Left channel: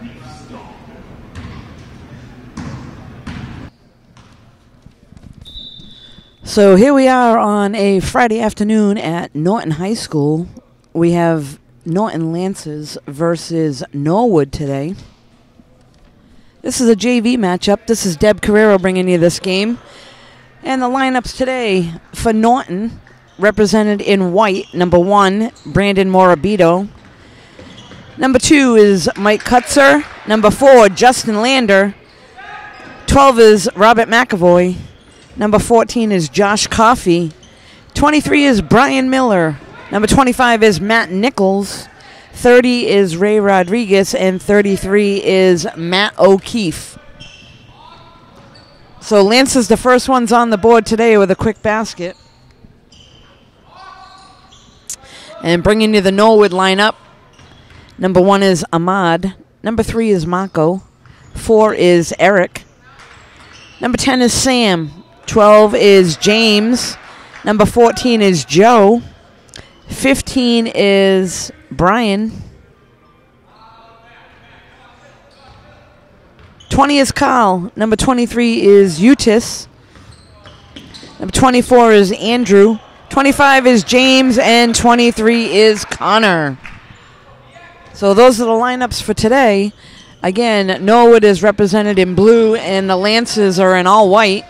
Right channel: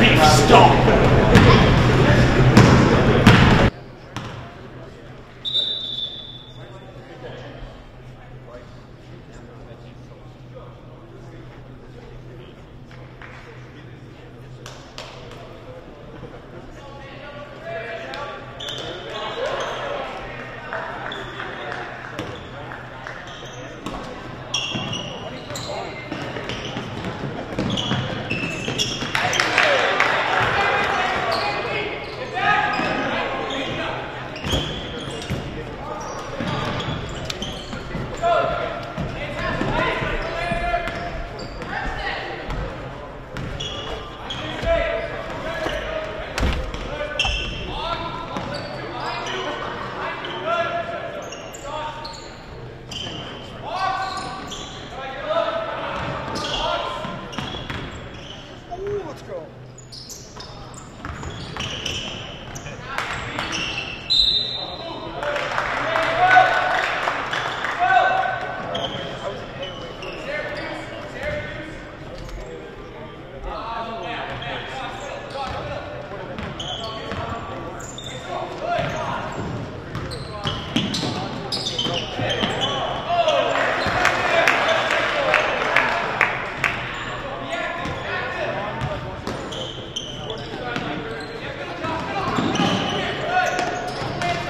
Beef stomp. So here we are on a Friday afternoon at Norton High School. We have Norton Lancers versus Norwood today. This is a JV matchup. This is Deb Carrero bringing you this game. And the lineups today for Norton, represented in white, number 1, Brandon Morabito. Number 2 is Mike Kutzer. Number 4, Justin Lander. 12 is Robert McAvoy. Number 14 is Josh Coffey. 23 is Brian Miller. Number 25 is Matt Nichols. 30 is Ray Rodriguez. And 33 is Matt O'Keefe. So Lance's the first ones on the board today with a quick basket. And bringing you the Norwood lineup. Number 1 is Ahmad. Number 3 is Mako. 4 is Eric. Number 10 is Sam. 12 is James. Number 14 is Joe. 15 is Brian. 20 is Carl. Number 23 is Eutis. Number 24 is Andrew. 25 is James, and 23 is Connor. So those are the lineups for today. Again, Norwood is represented in blue, and the Lancers are in all white.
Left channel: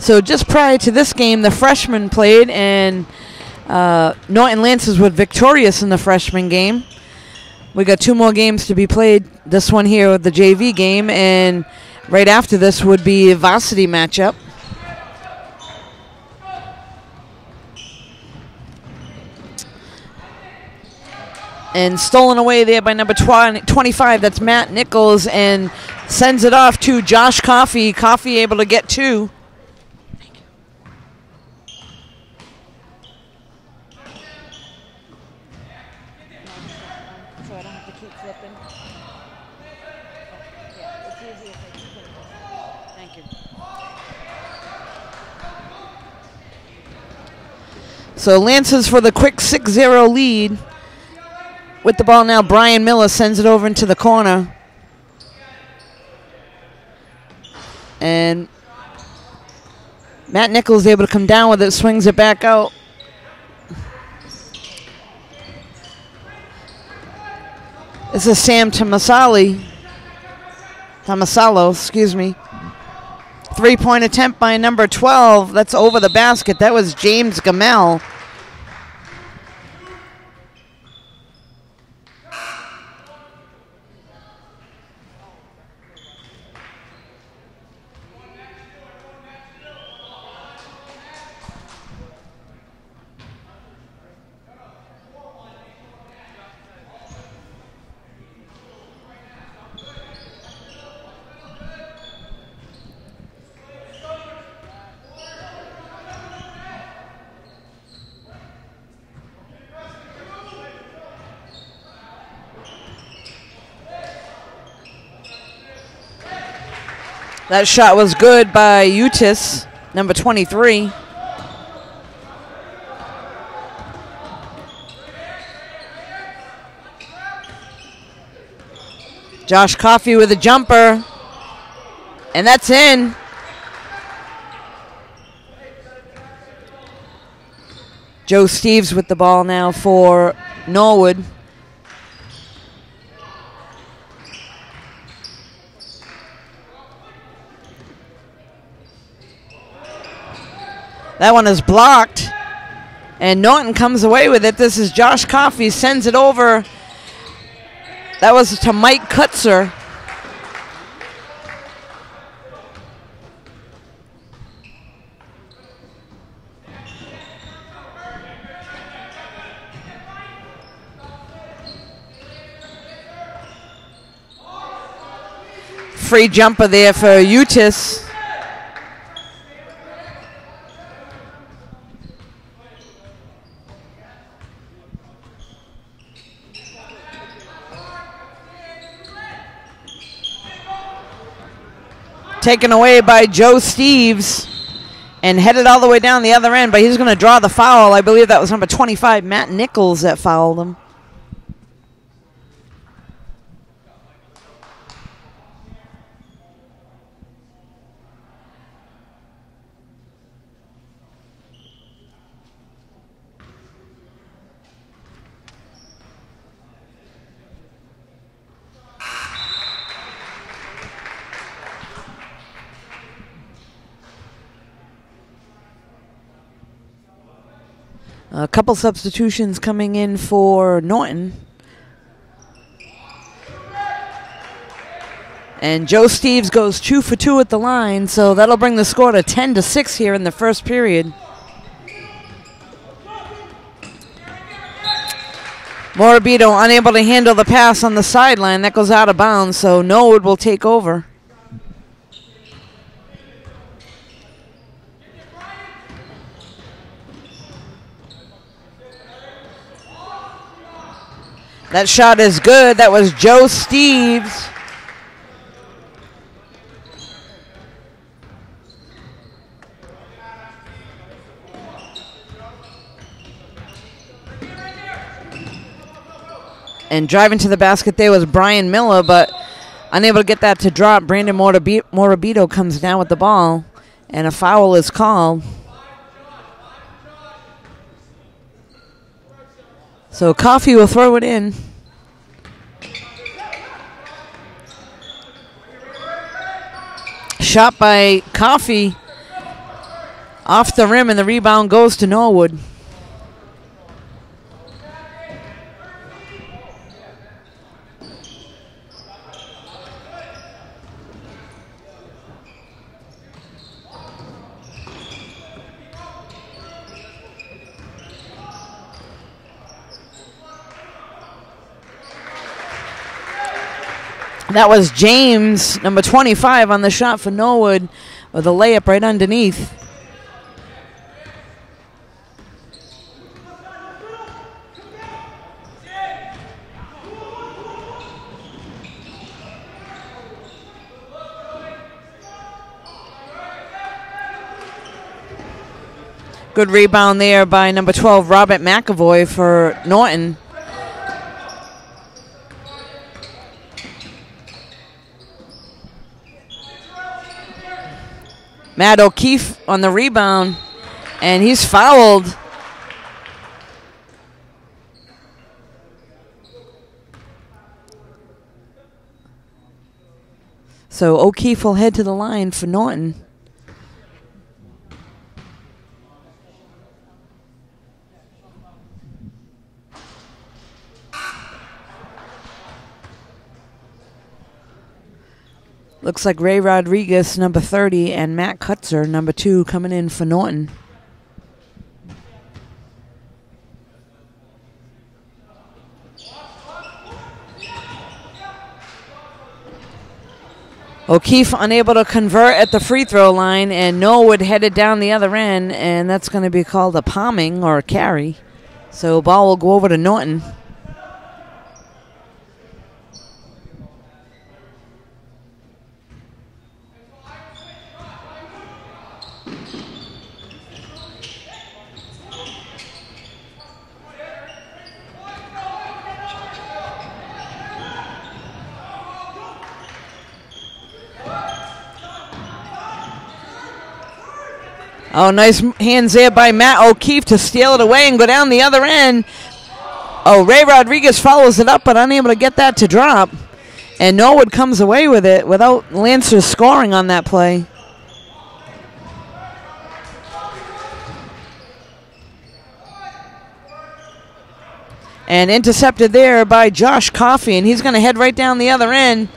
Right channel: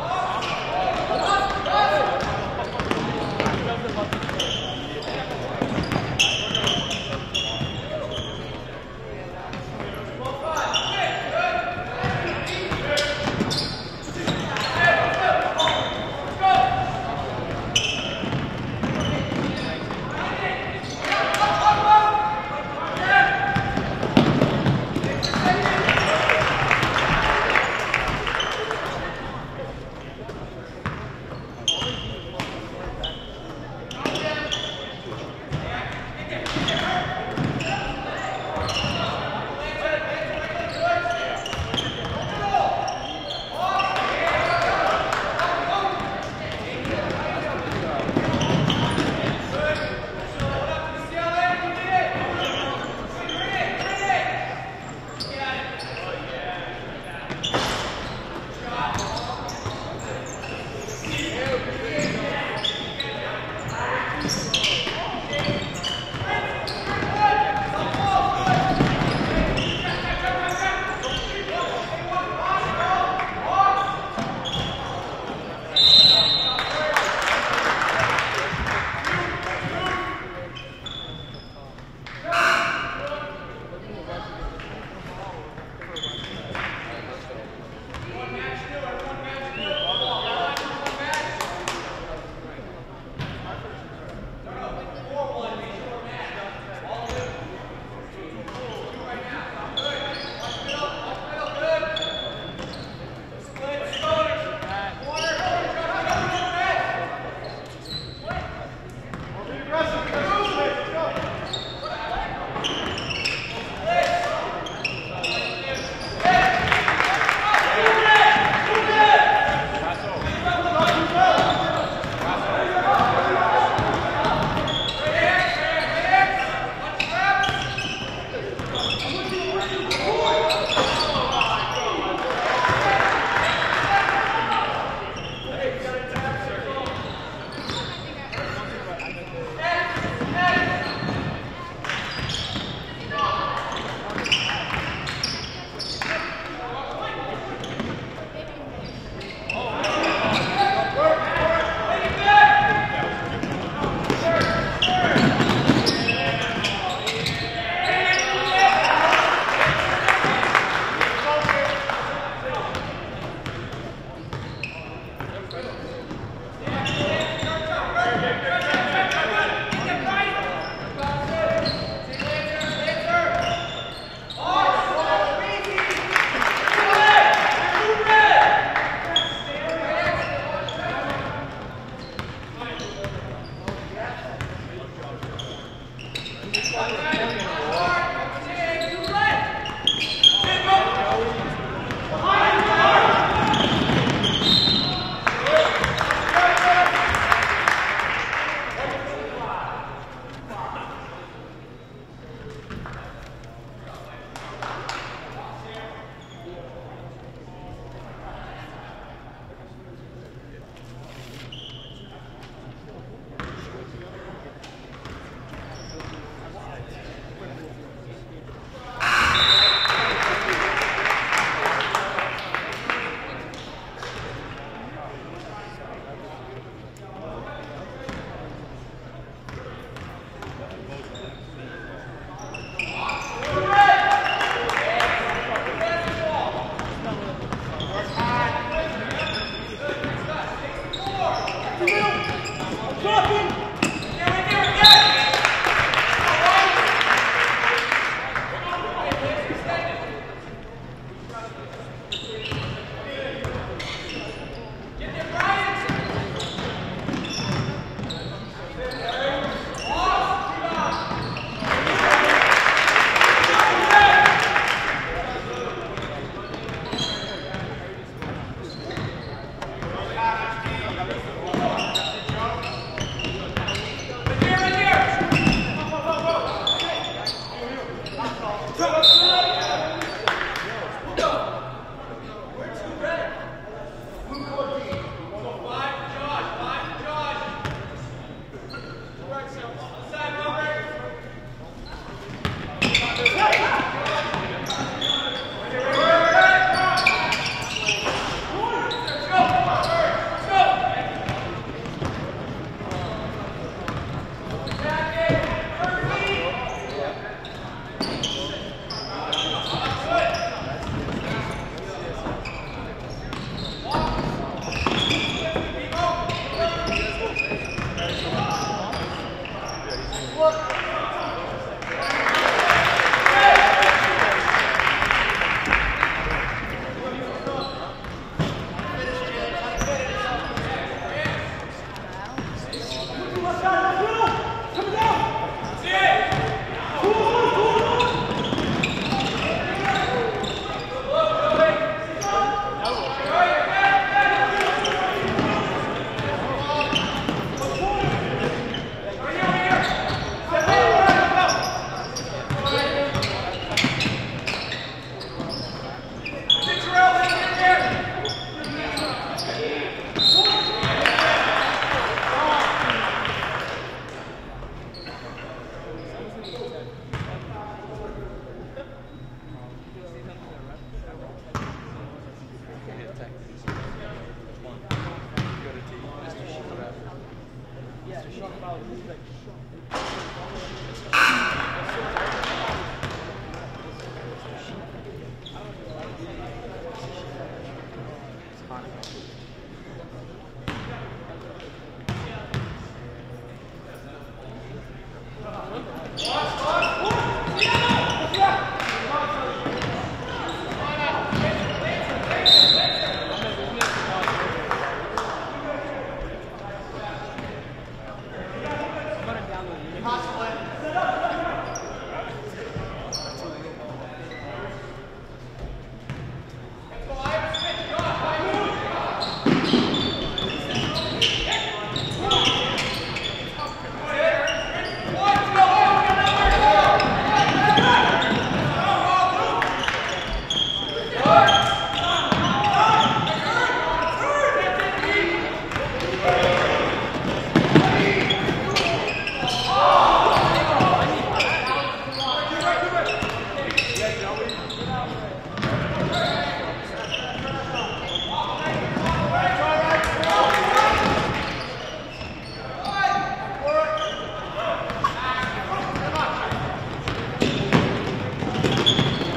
So just prior to this game, the freshmen played, and Norton Lancers were victorious in the freshman game. We got 2 more games to be played. This one here with the JV game, and right after this would be a varsity matchup. And stolen away there by number 25, that's Matt Nichols, and sends it off to Josh Coffey. Coffey able to get 2. So Lancers for the quick 6-0 lead. With the ball now, Brian Miller sends it over into the corner. And Matt Nichols able to come down with it, swings it back out. This is Sam Tomasalo, excuse me. 3-point attempt by number 12. That's over the basket. That was James Gamel. That shot was good by Eutis, number 23. Josh Coffey with a jumper, and that's in. Joe Steves with the ball now for Norwood. That one is blocked, and Norton comes away with it. This is Josh Coffey, sends it over. That was to Mike Kutzer. Free jumper there for Eutis. Taken away by Joe Steves. and headed all the way down the other end, but he's going to draw the foul. I believe that was number 25, Matt Nichols, that fouled him. A couple substitutions coming in for Norton. And Joe Steves goes 2 for 2 at the line, so that'll bring the score to 10-6 here in the first period. Morabito unable to handle the pass on the sideline. That goes out of bounds, so Norwood will take over. That shot is good. That was Joe Steves. And driving to the basket there was Brian Miller, but unable to get that to drop. Brandon Morabito comes down with the ball, and a foul is called. So Coffey will throw it in. Shot by Coffey off the rim, and the rebound goes to Norwood. That was James, number 25, on the shot for Norwood with a layup right underneath. Good rebound there by number 12, Robert McAvoy for Norton. Matt O'Keefe on the rebound, and he's fouled. So O'Keefe will head to the line for Norton. Looks like Ray Rodriguez, number 30, and Matt Kutzer, number 2, coming in for Norton. O'Keefe unable to convert at the free throw line, and Norwood headed down the other end, and that's going to be called a palming or a carry. So ball will go over to Norton. Oh, nice hands there by Matt O'Keefe to steal it away and go down the other end. Oh, Ray Rodriguez follows it up, but unable to get that to drop. And Norwood comes away with it without Lancers scoring on that play. And intercepted there by Josh Coffey, and he's going to head right down the other end.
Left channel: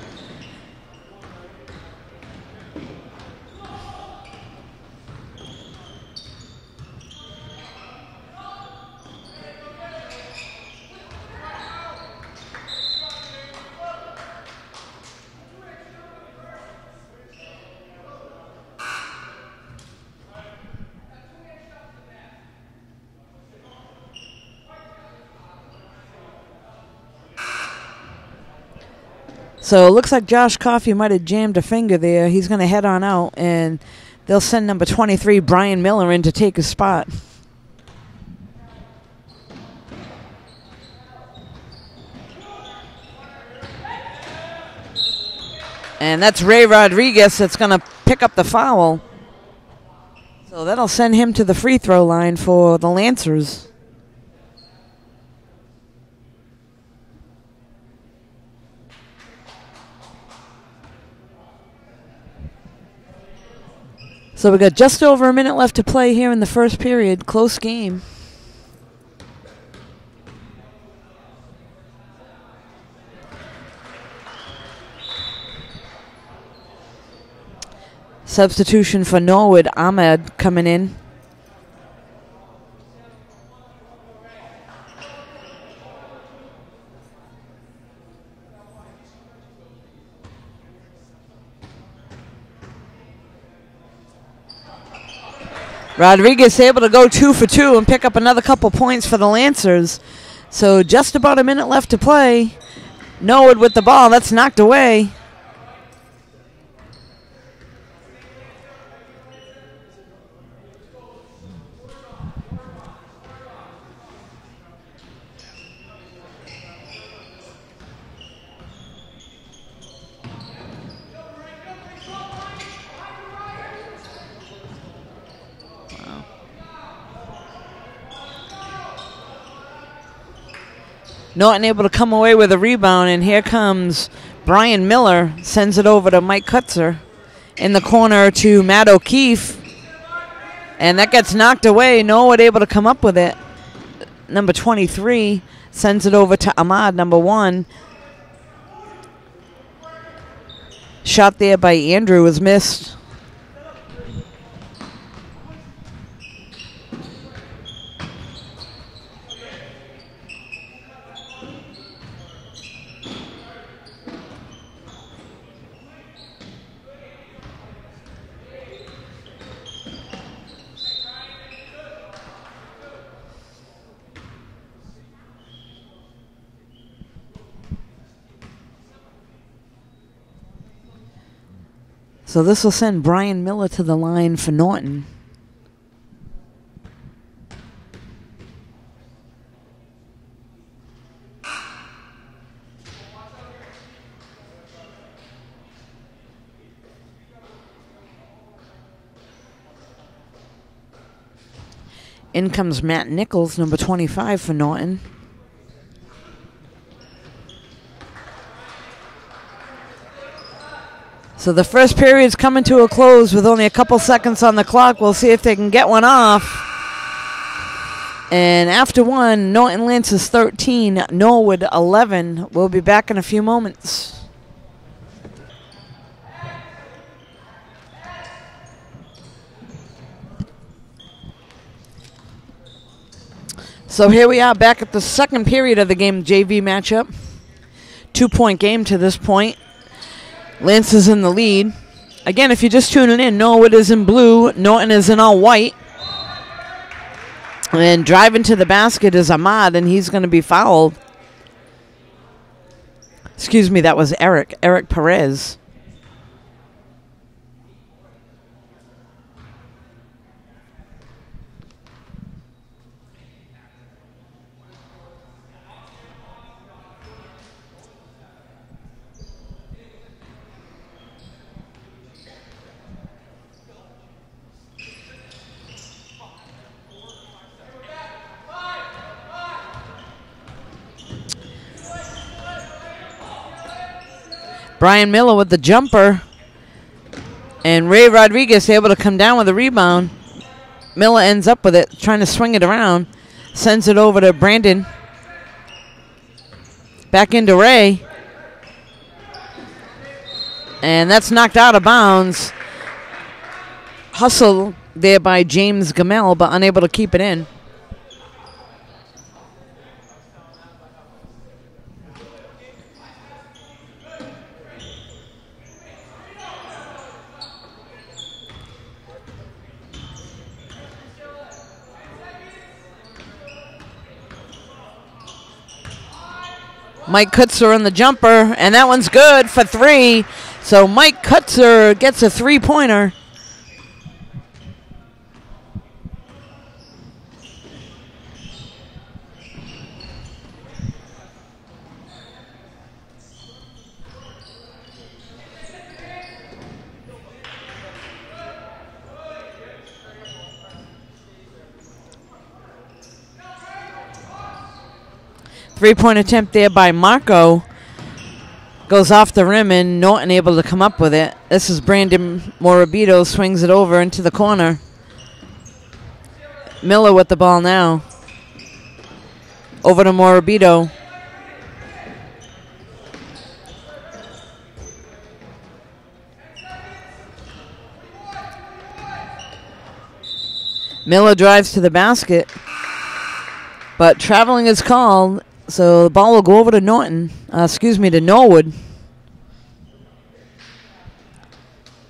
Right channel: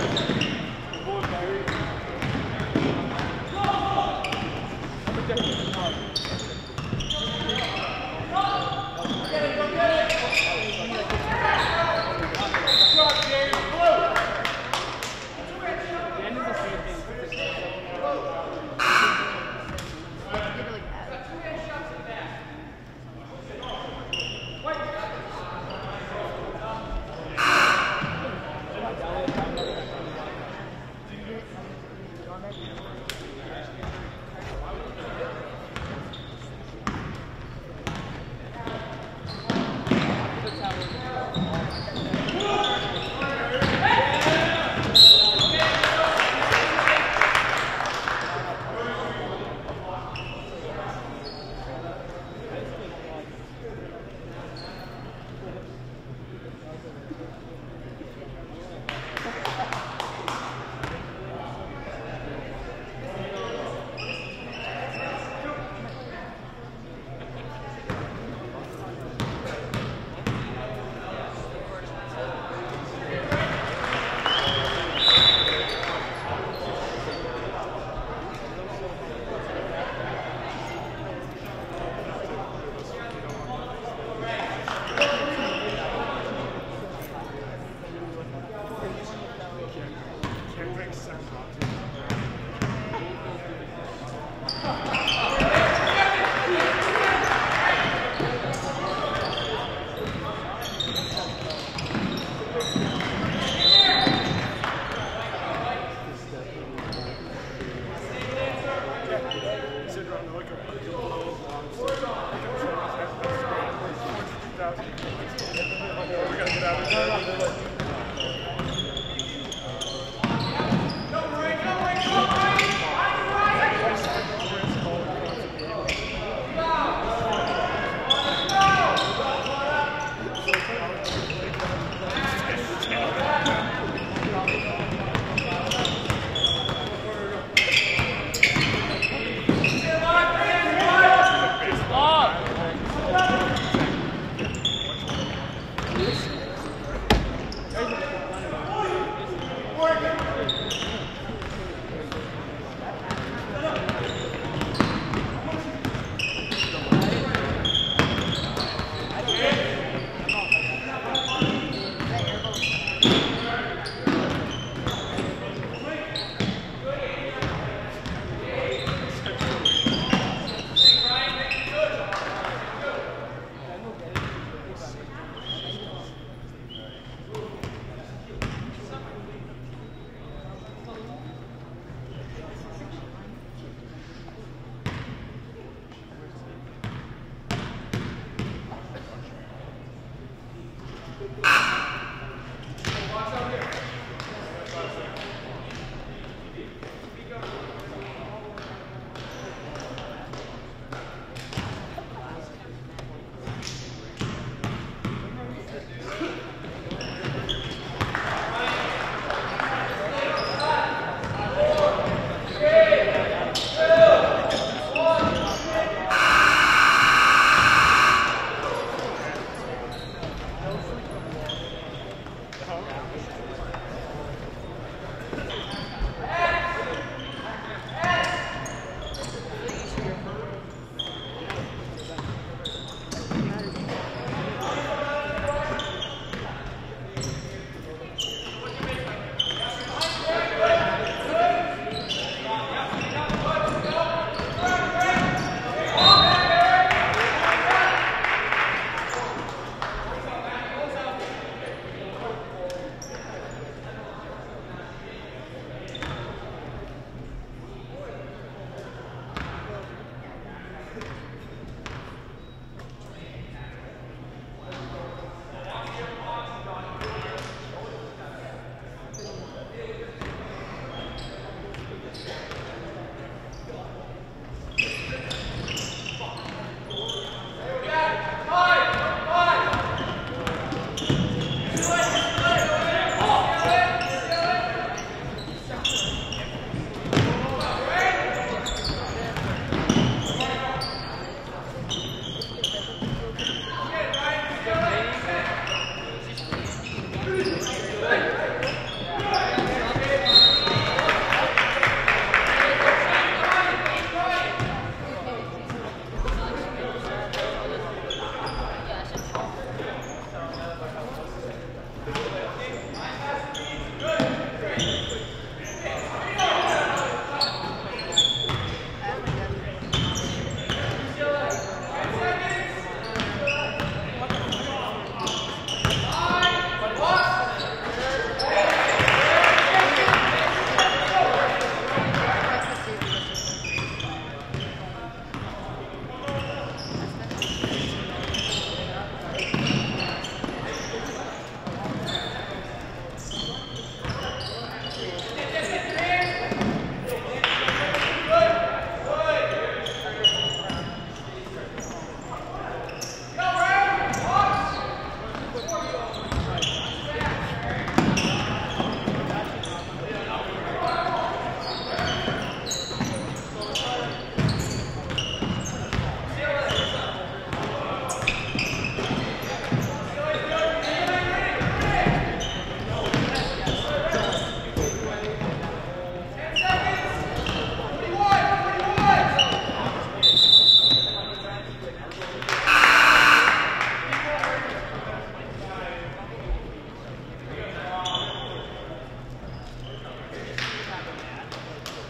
So it looks like Josh Coffey might have jammed a finger there. He's going to head on out, and They'll send number 23, Brian Miller, in to take his spot. And that's Ray Rodriguez that's going to pick up the foul. So that'll send him to the free throw line for the Lancers. So we got just over a minute left to play here in the first period. Close game. Substitution for Norwood, Ahmed coming in. Rodriguez able to go 2 for 2 and pick up another couple points for the Lancers. So just about a minute left to play. Norwood with the ball, that's knocked away. Norton able to come away with a rebound, and here comes Brian Miller, sends it over to Mike Kutzer. In the corner to Matt O'Keefe, and that gets knocked away. Norwood able to come up with it. Number 23 sends it over to Ahmad, number 1. Shot there by Andrew was missed. So this will send Brian Miller to the line for Norton. In comes Matt Nichols, number 25 for Norton. So the first period's coming to a close with only a couple seconds on the clock. We'll see if they can get one off. And after one, Norton Lancers 13, Norwood 11. We'll be back in a few moments. So here we are back at the second period of the game, JV matchup. 2-point game to this point. Lance is in the lead. Again, if you're just tuning in, Norwood is in blue, Norton is in all white. And driving to the basket is Ahmad, and he's going to be fouled. Excuse me, that was Eric Perez. Brian Miller with the jumper, and Ray Rodriguez able to come down with a rebound. Miller ends up with it, trying to swing it around, sends it over to Brandon. Back into Ray, and that's knocked out of bounds. Hustle there by James Gamel, but unable to keep it in. Mike Kutzer on the jumper, and that one's good for 3. So Mike Kutzer gets a 3-pointer. Three-point attempt there by Marco. Goes off the rim, and Norton able to come up with it. This is Brandon Morabito, swings it over into the corner. Miller with the ball now. Over to Morabito. Miller drives to the basket, but traveling is called, so the ball will go over to to Norwood.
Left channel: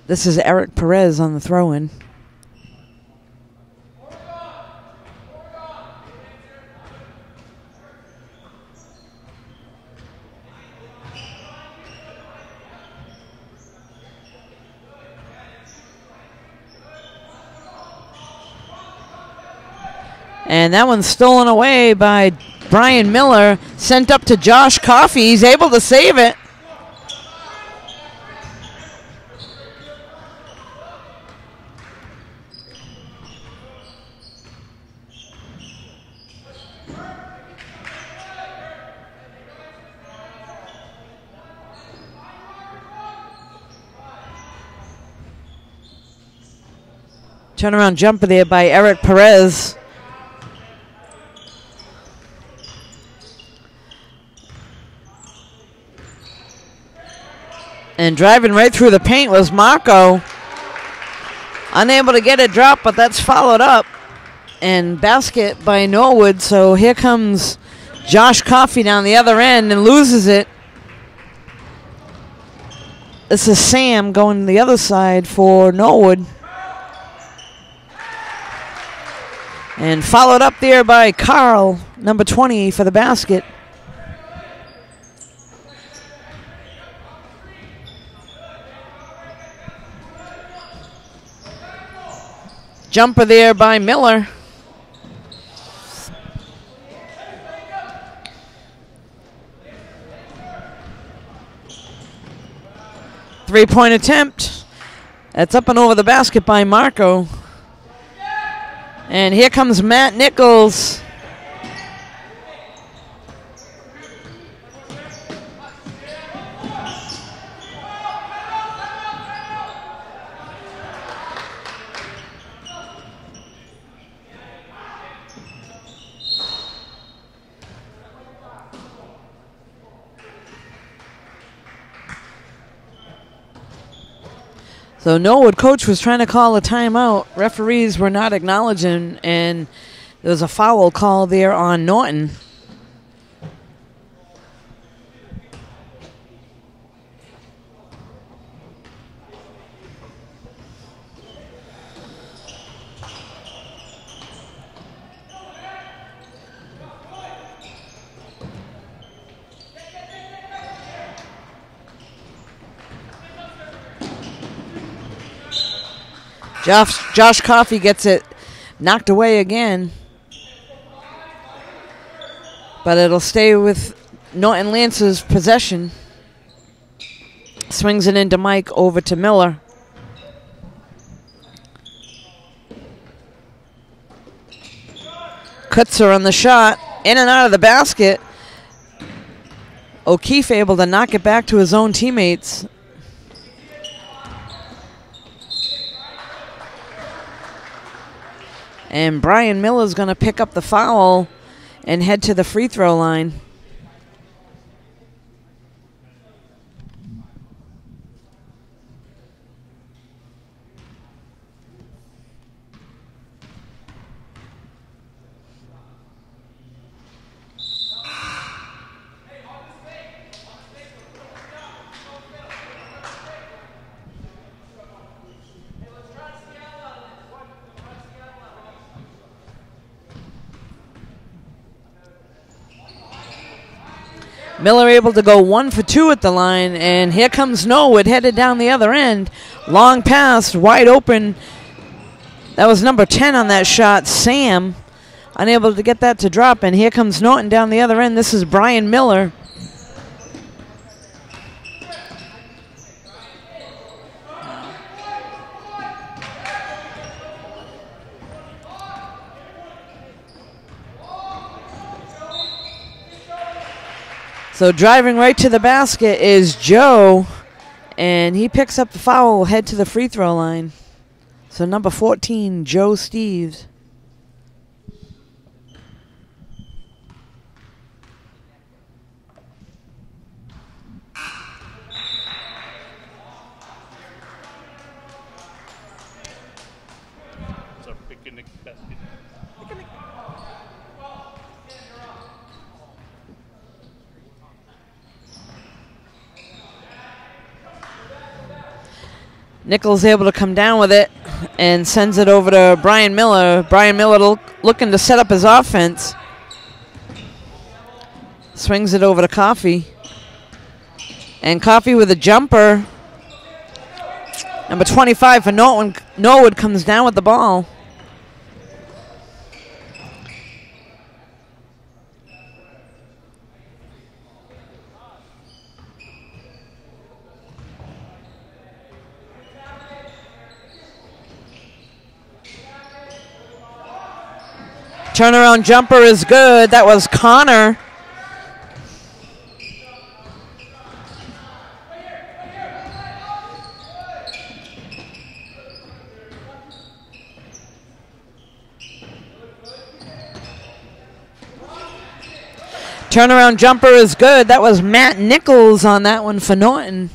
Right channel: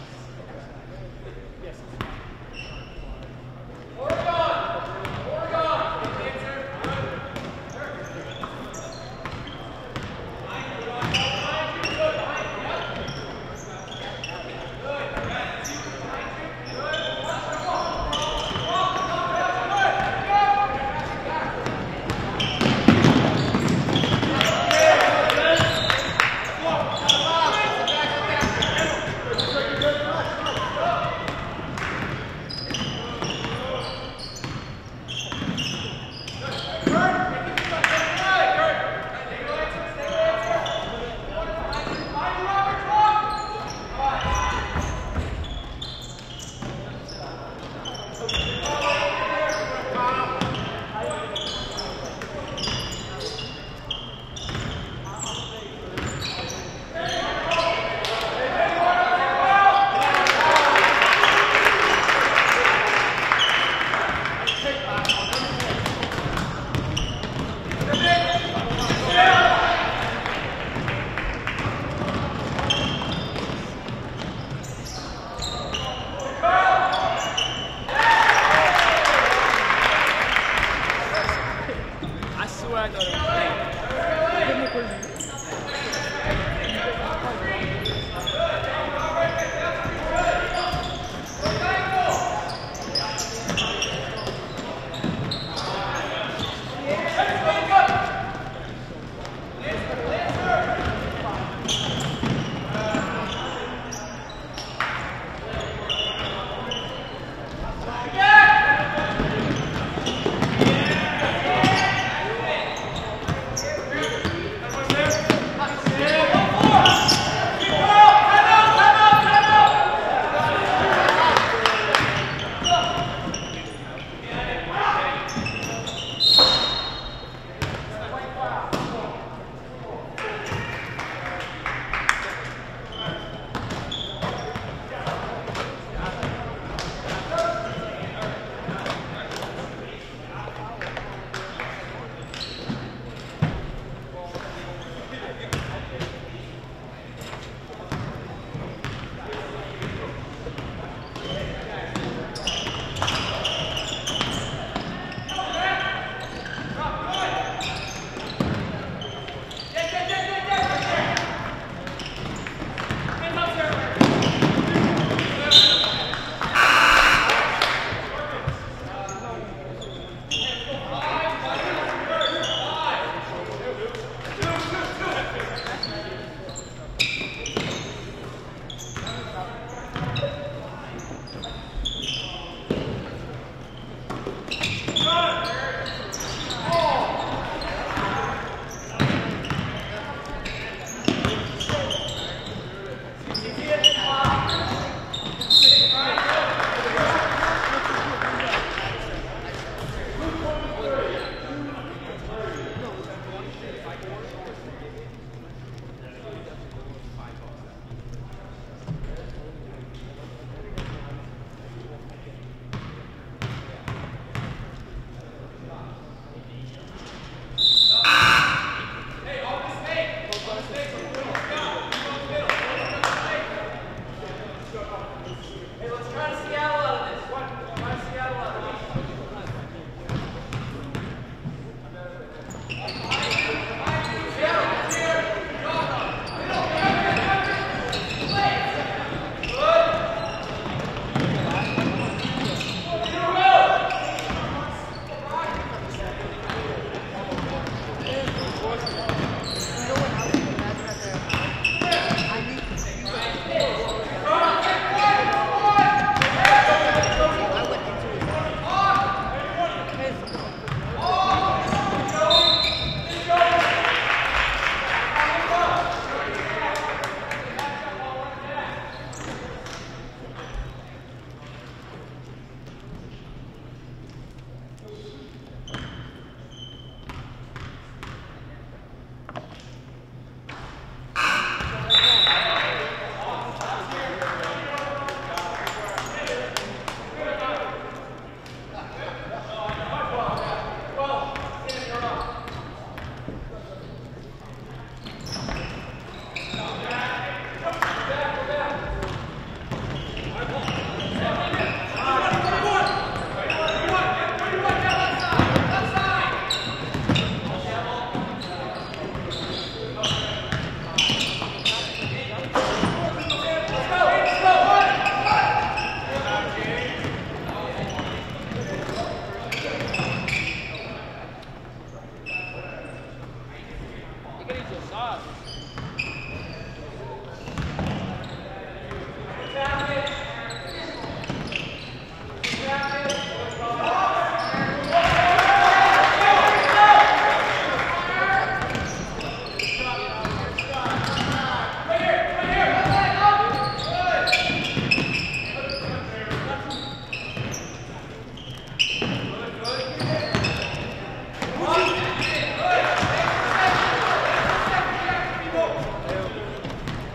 This is Eric Perez on the throw-in. And that one's stolen away by Brian Miller, sent up to Josh Coffey. He's able to save it. Turnaround jumper there by Eric Perez. And driving right through the paint was Marco. Unable to get it dropped, but that's followed up. And basket by Norwood. So here comes Josh Coffey down the other end and loses it. This is Sam going to the other side for Norwood. And followed up there by Carl, number 20, for the basket. Jumper there by Miller. Three-point attempt. That's up and over the basket by Marco. And here comes Matt Nichols. So Norwood coach was trying to call a timeout. Referees were not acknowledging, and there was a foul call there on Norton. Josh Coffey gets it knocked away again. But it'll stay with Norton Lance's possession. Swings it into Mike, over to Miller. Kutzer on the shot, in and out of the basket. O'Keefe able to knock it back to his own teammates. And Brian Miller's going to pick up the foul and head to the free throw line. Miller able to go 1 for 2 at the line, and here comes Norwood headed down the other end. Long pass, wide open. That was number 10 on that shot, Sam. Unable to get that to drop, and here comes Norton down the other end. This is Brian Miller. So driving right to the basket is Joe, and he picks up the foul, head to the free throw line. So number 14, Joe Steves. Nichols able to come down with it and sends it over to Brian Miller. Brian Miller looking to set up his offense. Swings it over to Coffey. And Coffey with a jumper. Number 25 for Norwood comes down with the ball. Turnaround jumper is good. That was Connor. Turnaround jumper is good. That was Matt Nichols on that one for Norton.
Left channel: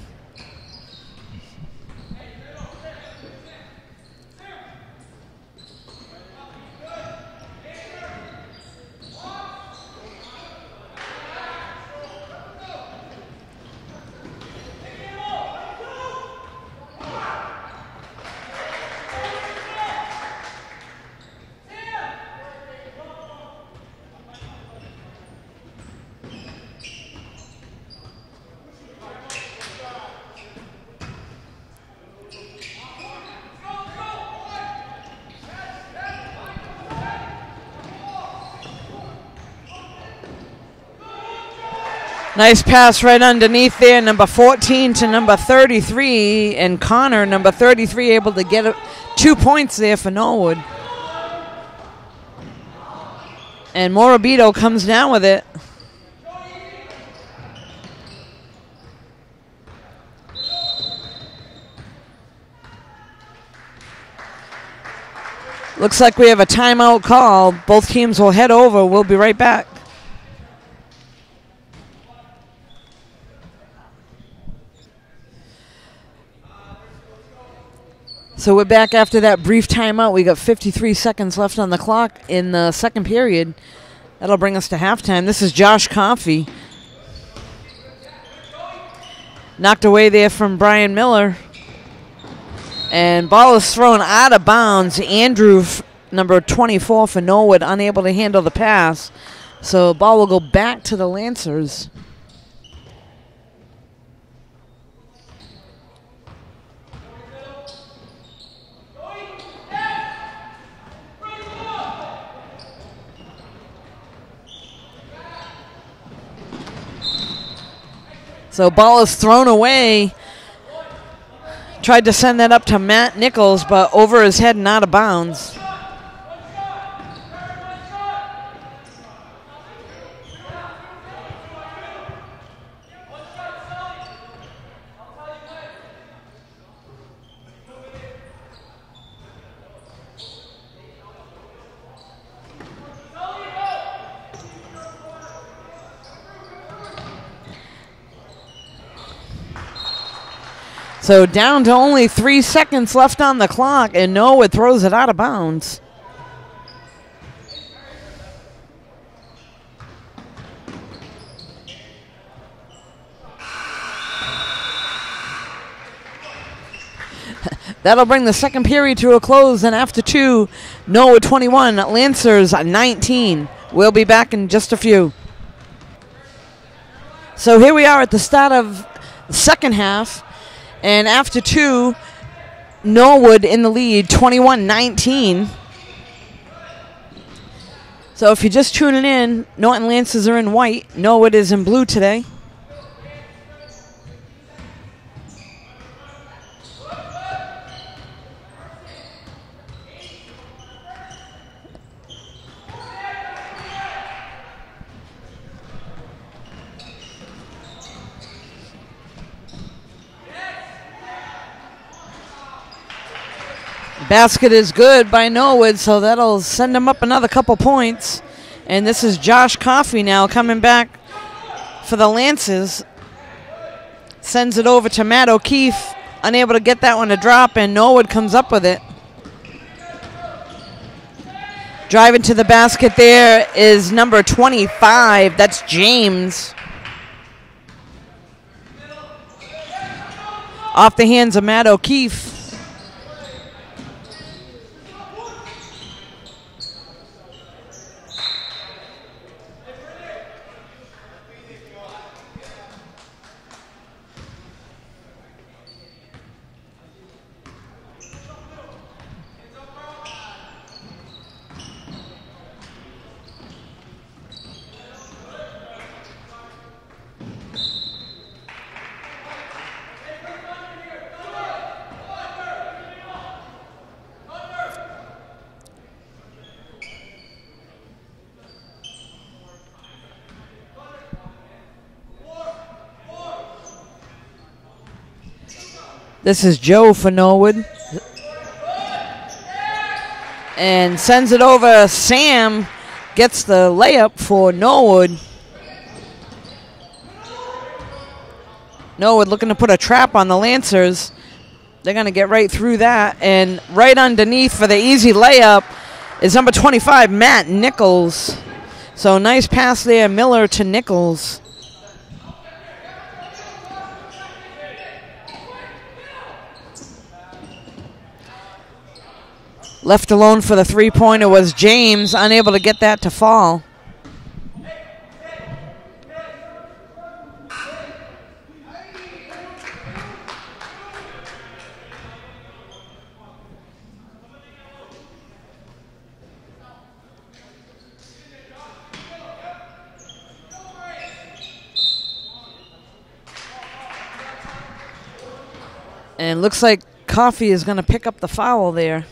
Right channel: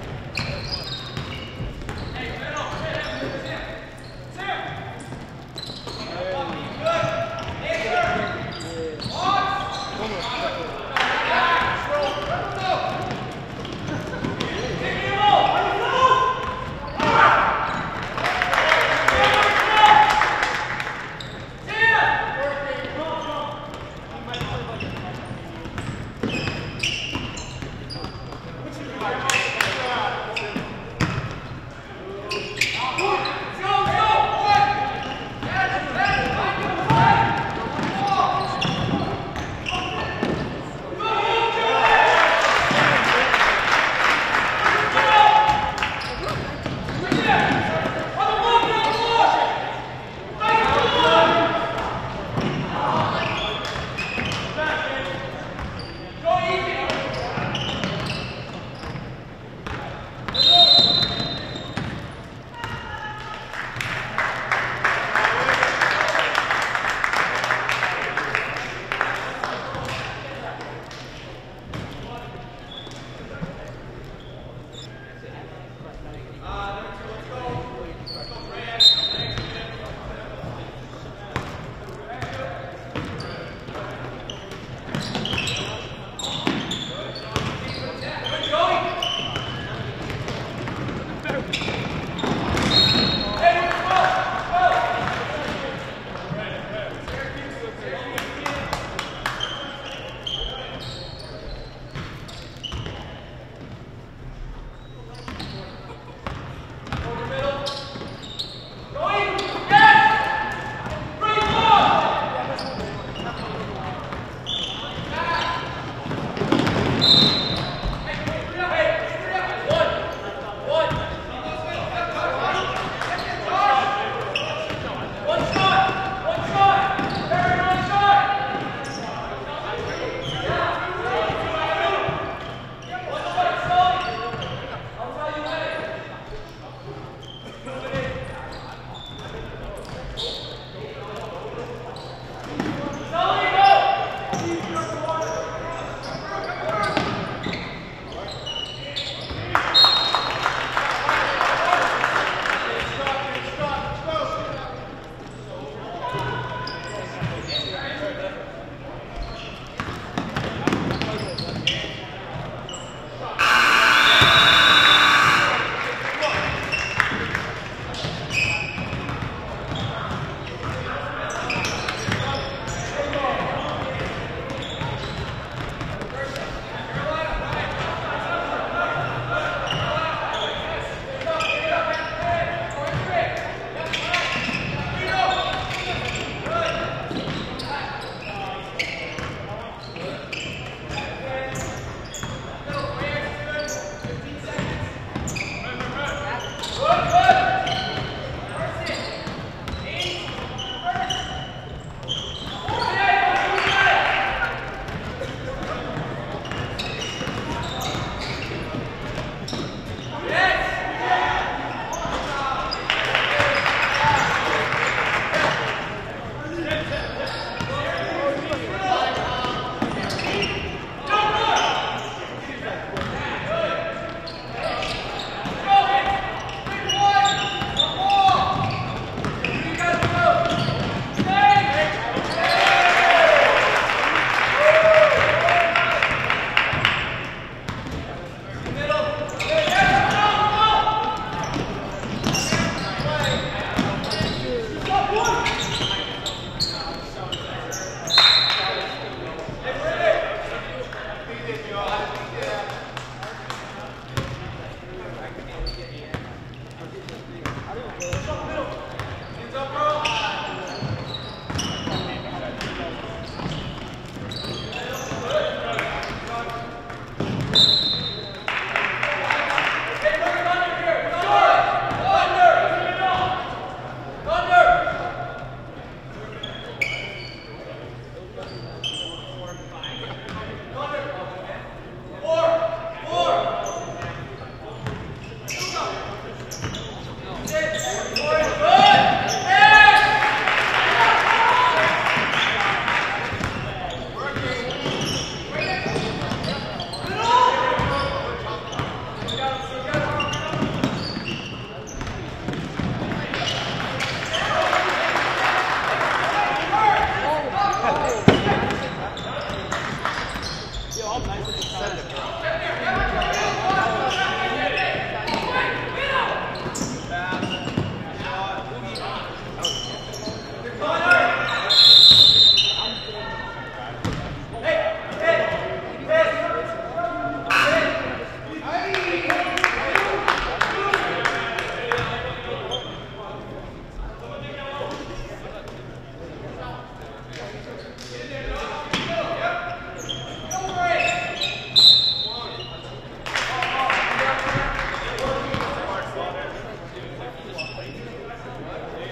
Nice pass right underneath there, number 14 to number 33, and Connor, number 33, able to get 2 points there for Norwood. And Morabito comes down with it. Looks like we have a timeout call. Both teams will head over. We'll be right back. So we're back after that brief timeout. We got 53 seconds left on the clock in the second period. That'll bring us to halftime. This is Josh Coffey. Knocked away there from Brian Miller. And ball is thrown out of bounds. Andrew, number 24 for Norwood, unable to handle the pass. So ball will go back to the Lancers. So ball is thrown away. Tried to send that up to Matt Nichols, but over his head and out of bounds. So down to only 3 seconds left on the clock, and Norwood throws it out of bounds. That'll bring the second period to a close, and after 2, Norwood 21, Lancers 19. We'll be back in just a few. So here we are at the start of the second half. And after 2, Norwood in the lead, 21-19. So if you're just tuning in, Norton Lancers are in white. Norwood is in blue today. Basket is good by Norwood, so that'll send them up another couple points. And this is Josh Coffey now coming back for the Lancers. Sends it over to Matt O'Keefe, unable to get that one to drop, and Norwood comes up with it. Driving to the basket there is number 25, that's James. Off the hands of Matt O'Keefe. This is Joe for Norwood. And sends it over. Sam gets the layup for Norwood. Norwood looking to put a trap on the Lancers. They're going to get right through that. And right underneath for the easy layup is number 25, Matt Nichols. So nice pass there, Miller to Nichols. Left alone for the three-pointer was James, unable to get that to fall. And looks like Coffey is going to pick up the foul there.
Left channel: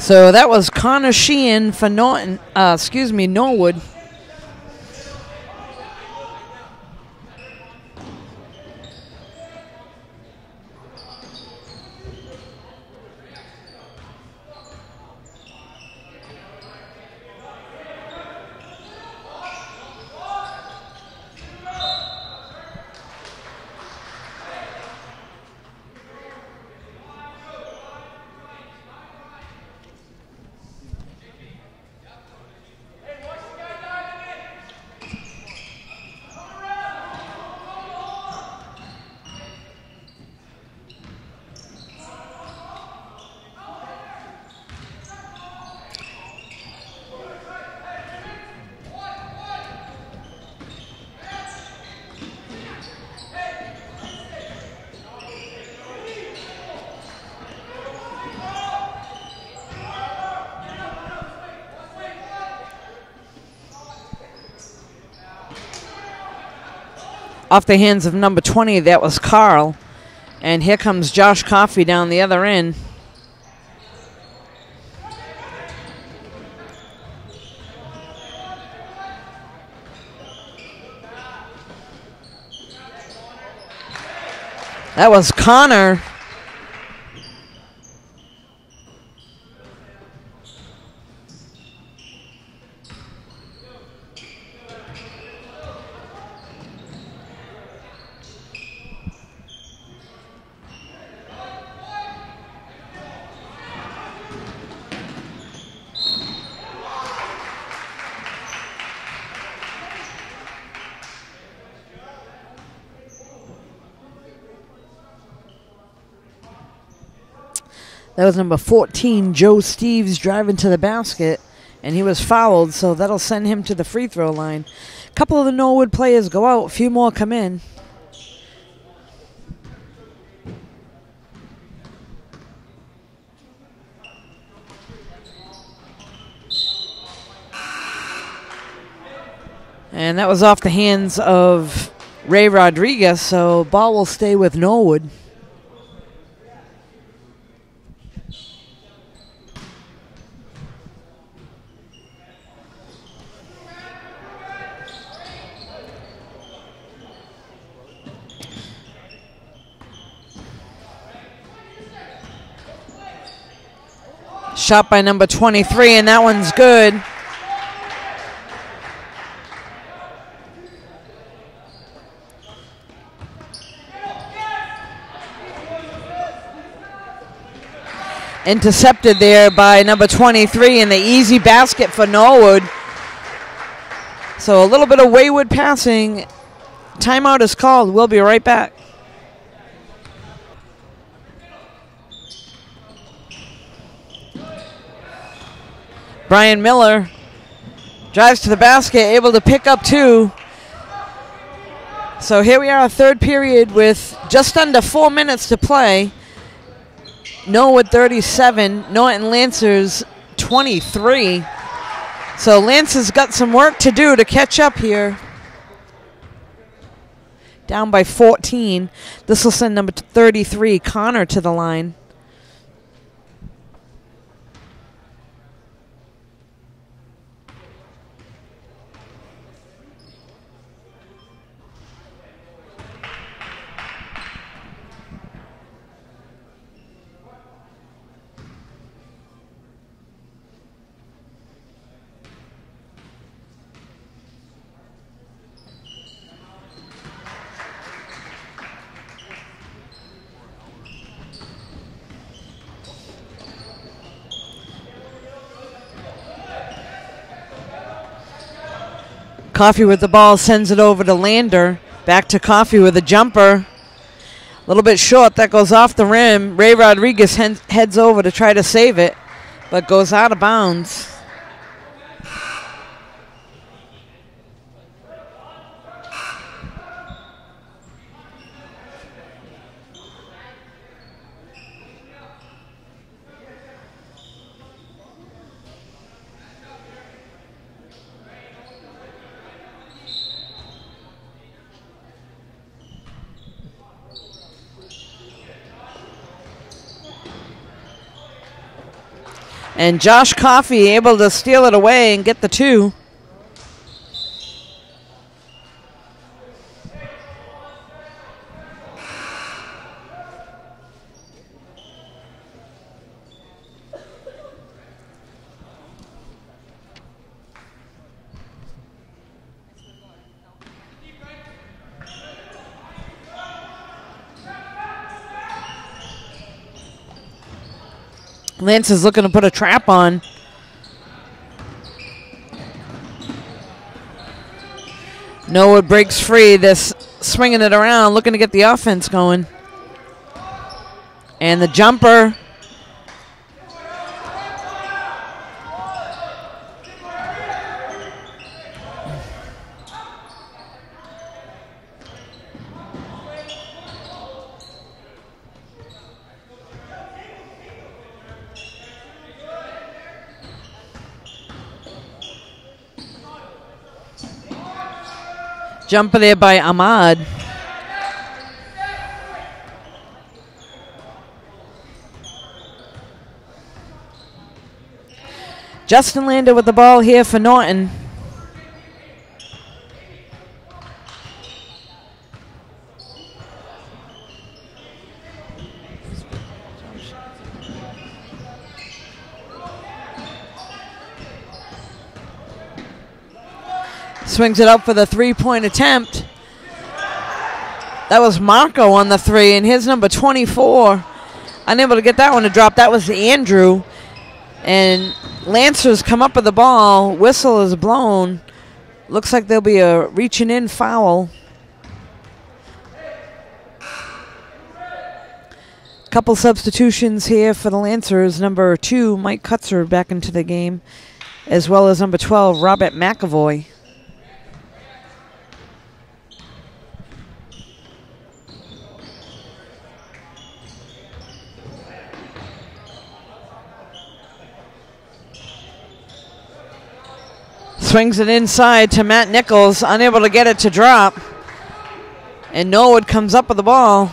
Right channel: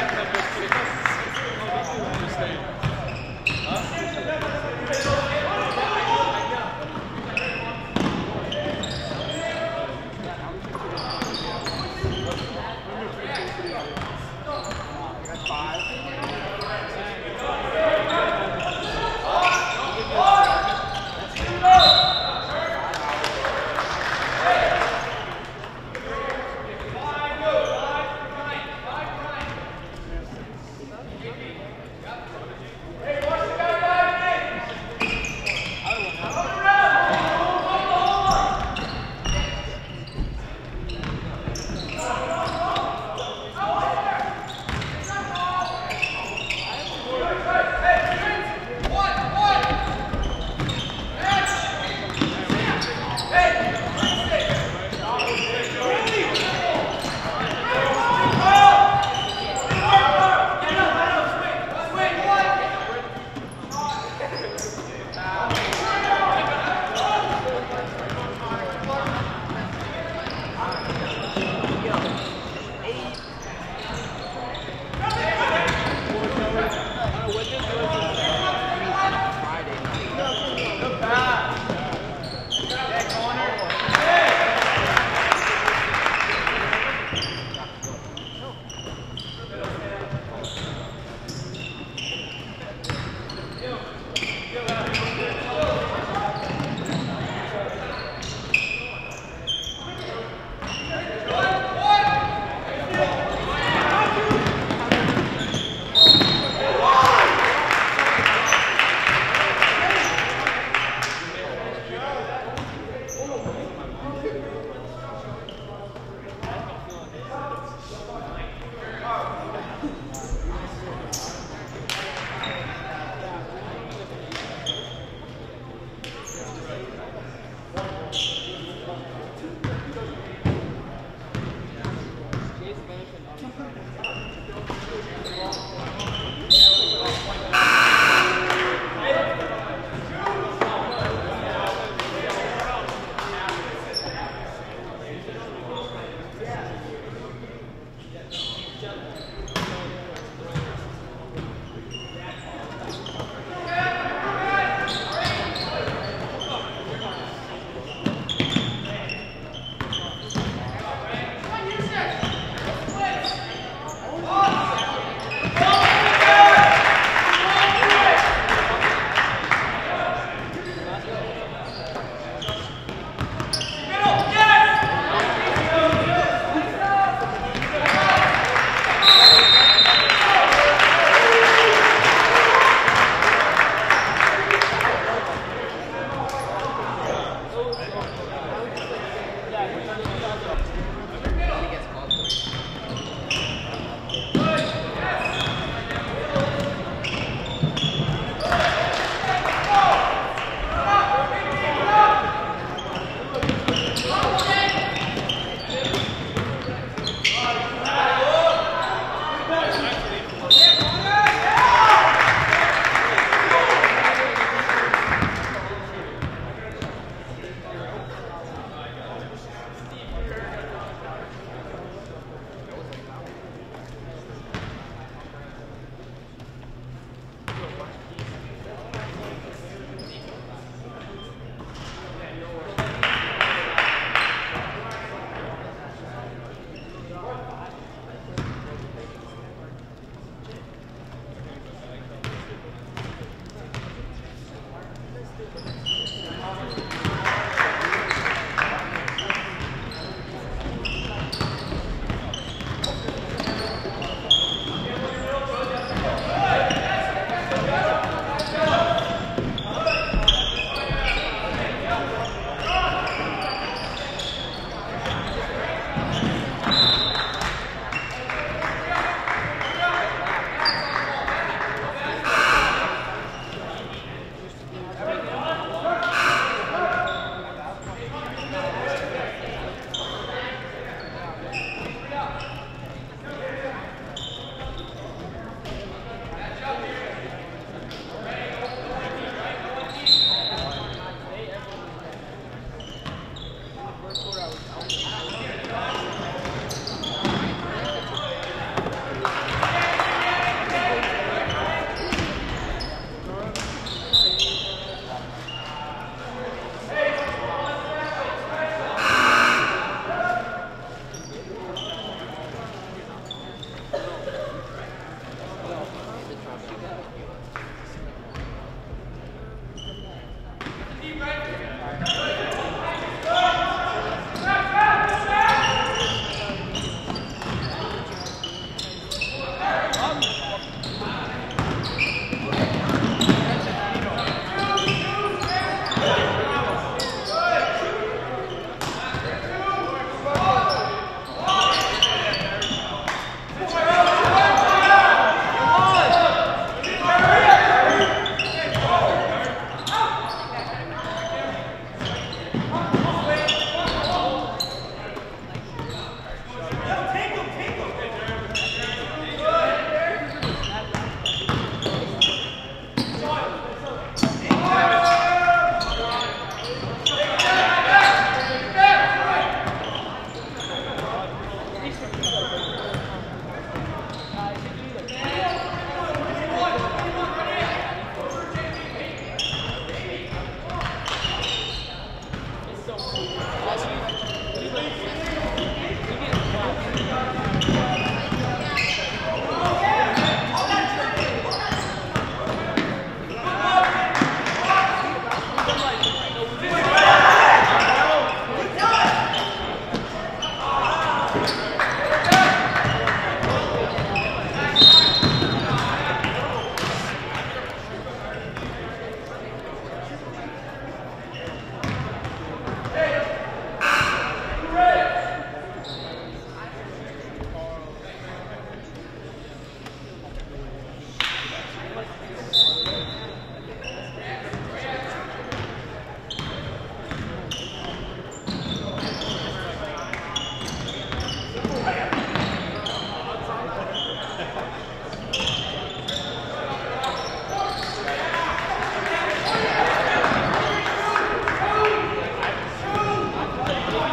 So that was Connor Sheehan for Norton, Norwood. Off the hands of number 20, that was Carl. And here comes Josh Coffey down the other end. That was Connor. That was number 14, Joe Steves, driving to the basket, and he was fouled, so that'll send him to the free throw line. A couple of the Norwood players go out, a few more come in. And that was off the hands of Ray Rodriguez, so ball will stay with Norwood. Shot by number 23, and that one's good. Intercepted there by number 23, and the easy basket for Norwood. So a little bit of wayward passing. Timeout is called. We'll be right back. Brian Miller drives to the basket, able to pick up 2. So here we are, third period with just under 4 minutes to play. Norwood 37, Norton Lancers 23. So Lancers got some work to do to catch up here. Down by 14. This will send number 33, Connor, to the line. Coffee with the ball, sends it over to Lander. Back to Coffee with a jumper. A little bit short, that goes off the rim. Ray Rodriguez heads over to try to save it, but goes out of bounds. And Josh Coffey able to steal it away and get the 2. Lance is looking to put a trap on. Norwood breaks free, just swinging it around, looking to get the offense going. And the jumper. Jumper there by Ahmad. Justin Lander with the ball here for Norton. Swings it up for the three-point attempt. That was Marco on the 3, and here's number 24. Unable to get that one to drop. That was Andrew. And Lancers come up with the ball. Whistle is blown. Looks like there'll be a reaching in foul. Couple substitutions here for the Lancers. Number 2, Mike Kutzer, back into the game, as well as number 12, Robert McAvoy. Swings it inside to Matt Nichols, unable to get it to drop. And Norwood comes up with the ball.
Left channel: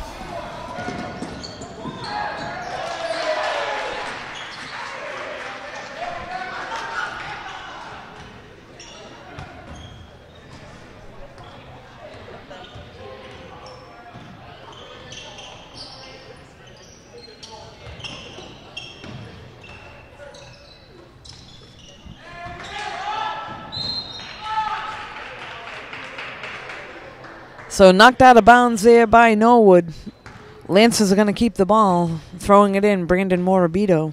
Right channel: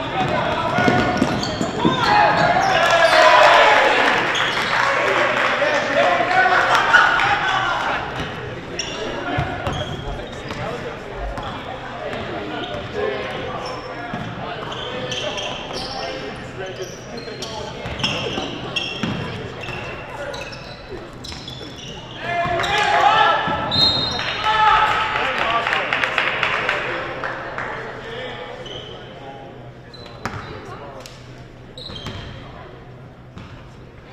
So knocked out of bounds there by Norwood. Lancers are going to keep the ball. Throwing it in, Brandon Morabito.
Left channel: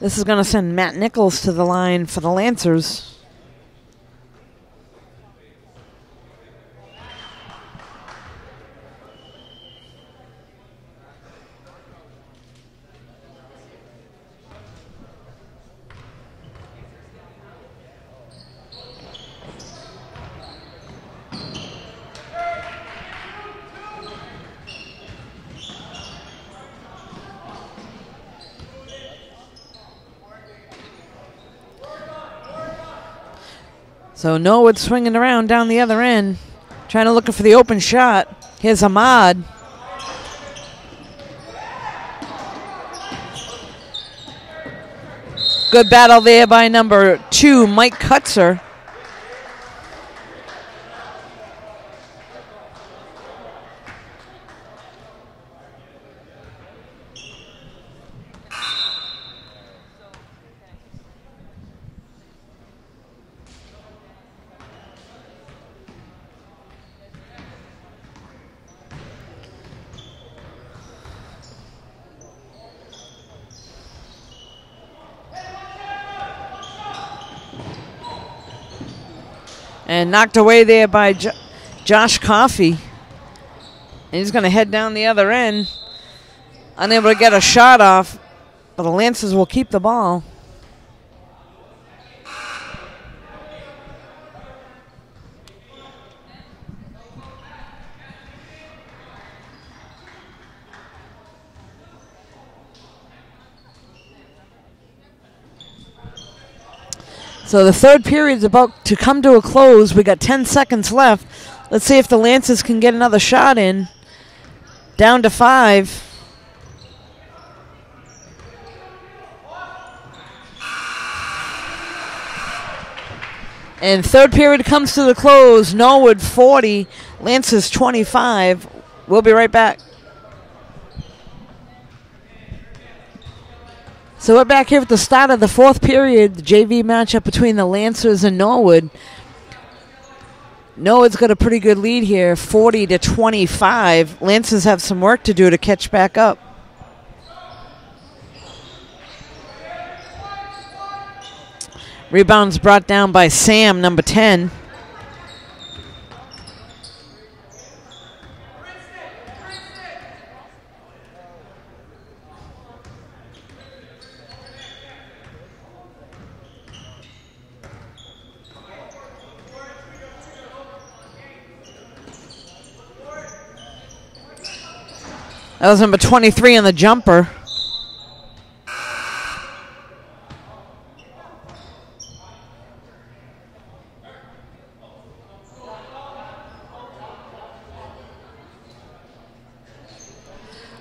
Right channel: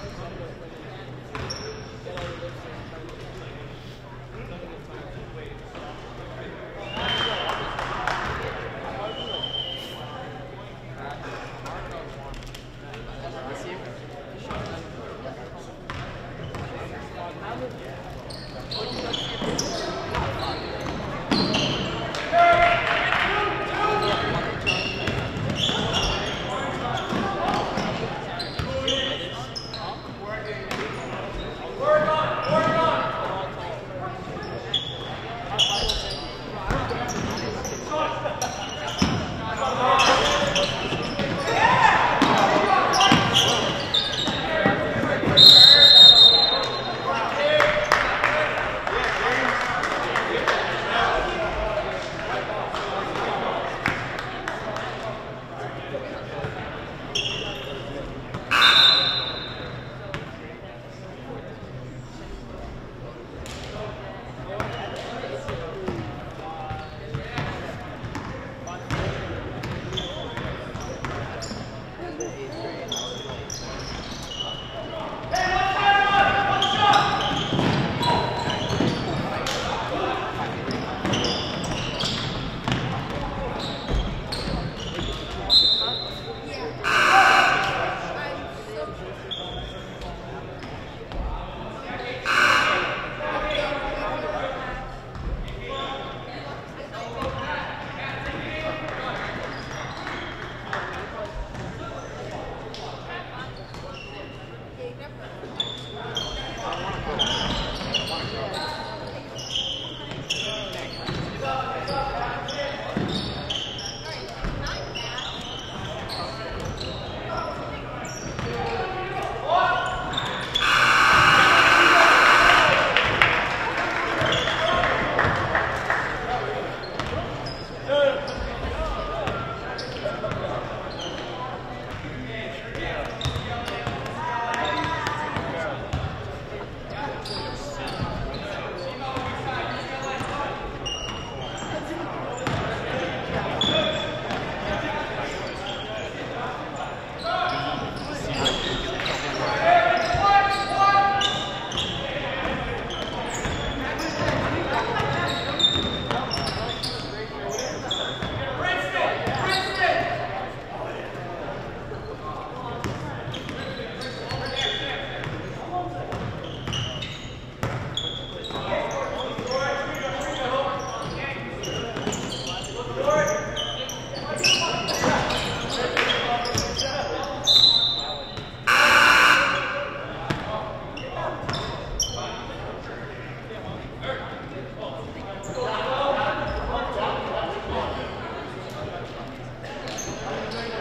This is going to send Matt Nichols to the line for the Lancers. So Norwood swinging around down the other end, trying to look for the open shot. Here's Ahmad. Good battle there by number 2, Mike Kutzer. And knocked away there by Josh Coffey. And he's going to head down the other end. Unable to get a shot off, but the Lancers will keep the ball. So the third period is about to come to a close. We got 10 seconds left. Let's see if the Lancers can get another shot in. Down to 5. And third period comes to the close. Norwood 40, Lancers 25. We'll be right back. So we're back here at the start of the fourth period, the JV matchup between the Lancers and Norwood. Norwood's got a pretty good lead here, 40-25. Lancers have some work to do to catch back up. Rebounds brought down by Sam, number 10. That was number 23 on the jumper.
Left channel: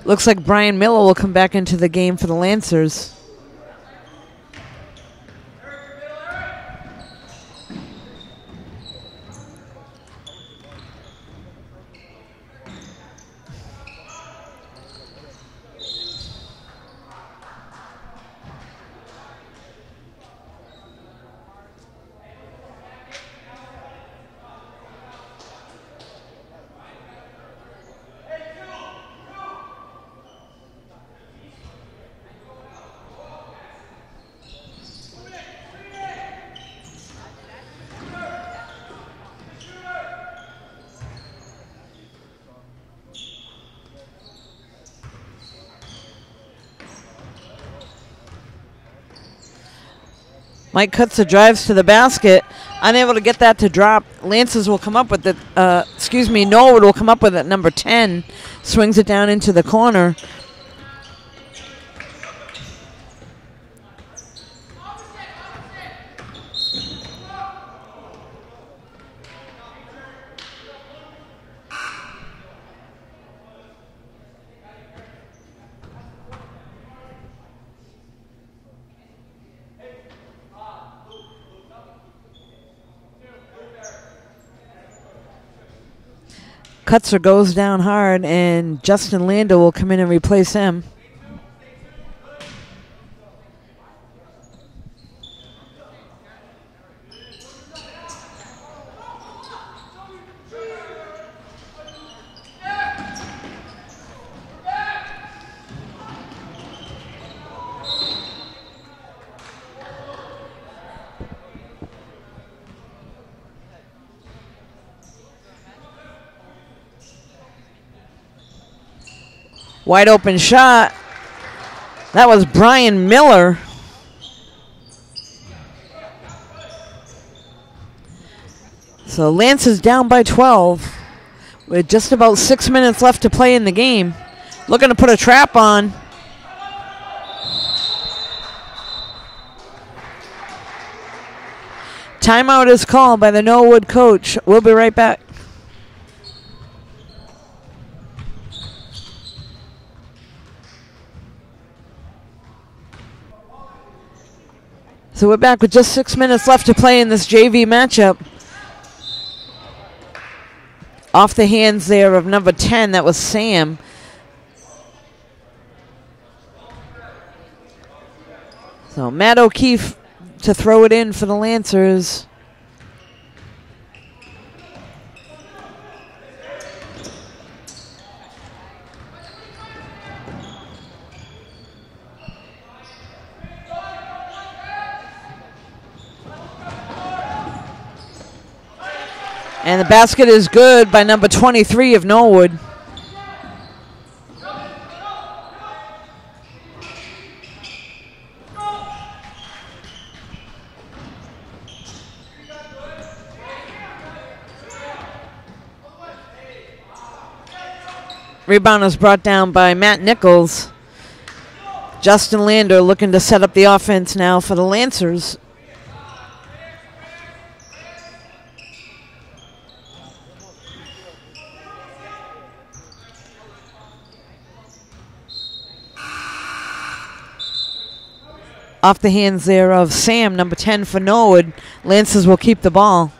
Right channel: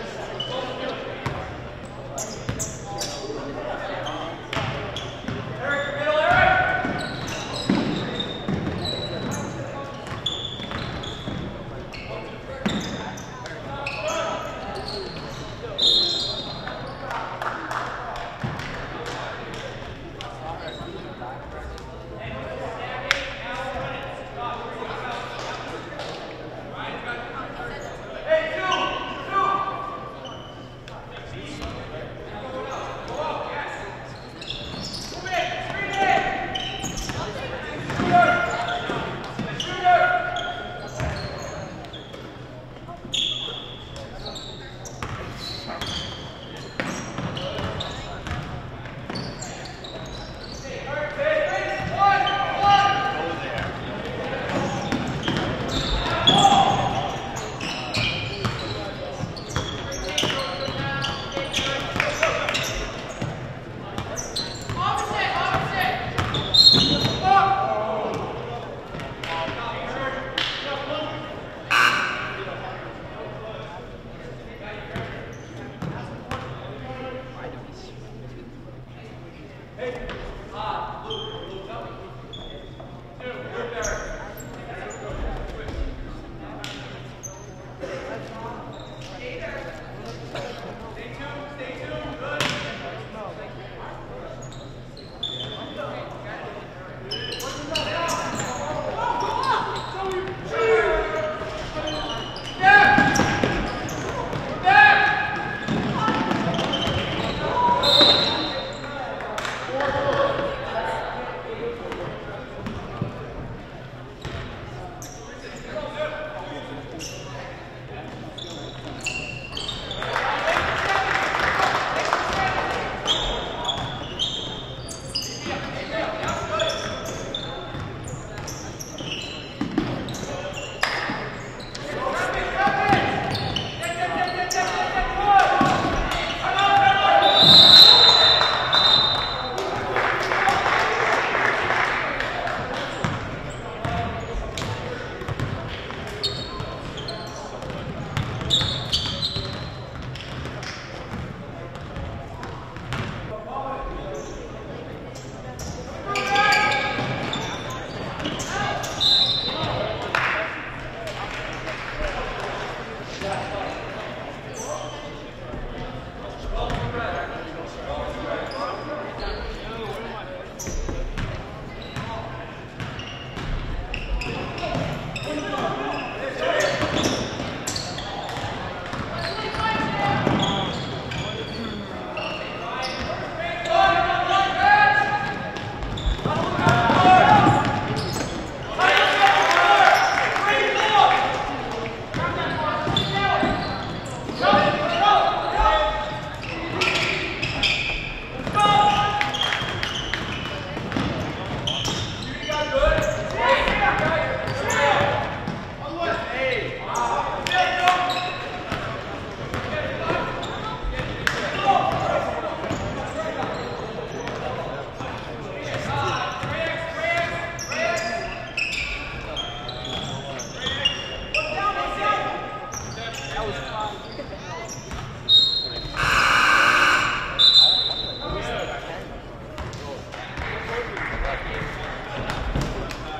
Looks like Brian Miller will come back into the game for the Lancers. Mike Kutzer drives to the basket, unable to get that to drop. Lancers will come up with it, Norwood will come up with it, number 10. Swings it down into the corner. Kutzer goes down hard, and Justin Lander will come in and replace him. Wide open shot. That was Brian Miller. So Lance is down by 12 with just about 6 minutes left to play in the game. Looking to put a trap on. Timeout is called by the Norwood coach. We'll be right back. So we're back with just 6 minutes left to play in this JV matchup. Off the hands there of number 10, that was Sam. So Matt O'Keefe to throw it in for the Lancers. And the basket is good by number 23 of Norwood. Rebound is brought down by Matt Nichols. Justin Lander looking to set up the offense now for the Lancers. Off the hands there of Sam, number 10 for Norwood. Lancers will keep the ball.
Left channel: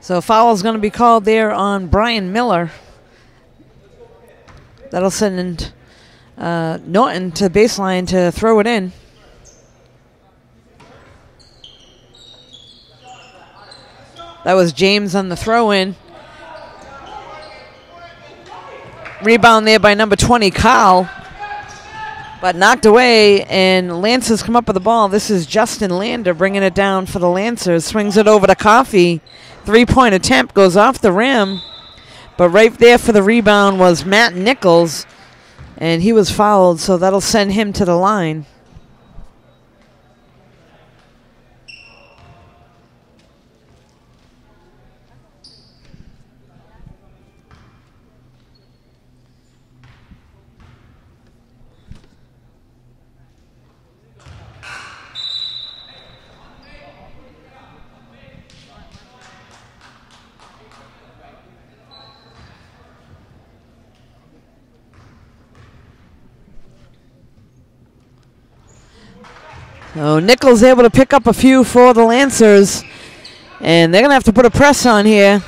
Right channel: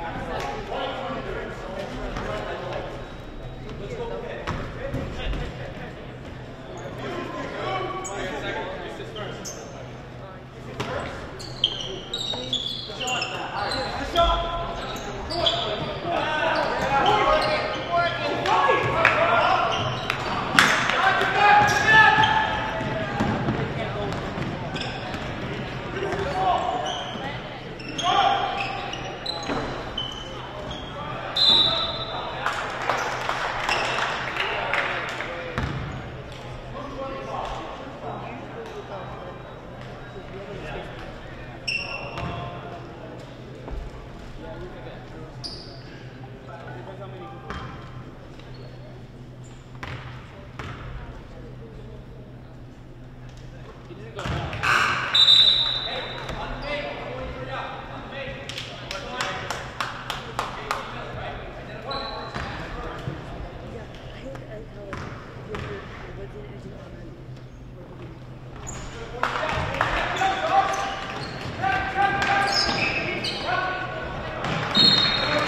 So a foul is going to be called there on Brian Miller. That'll send Norton to the baseline to throw it in. That was James on the throw-in. Rebound there by number 20, Kyle. But knocked away, and Lancers come up with the ball. This is Justin Lander bringing it down for the Lancers. Swings it over to Coffey. Three-point attempt goes off the rim. But right there for the rebound was Matt Nichols, and he was fouled, so that'll send him to the line. So Nichols able to pick up a few for the Lancers, and they're going to have to put a press on here.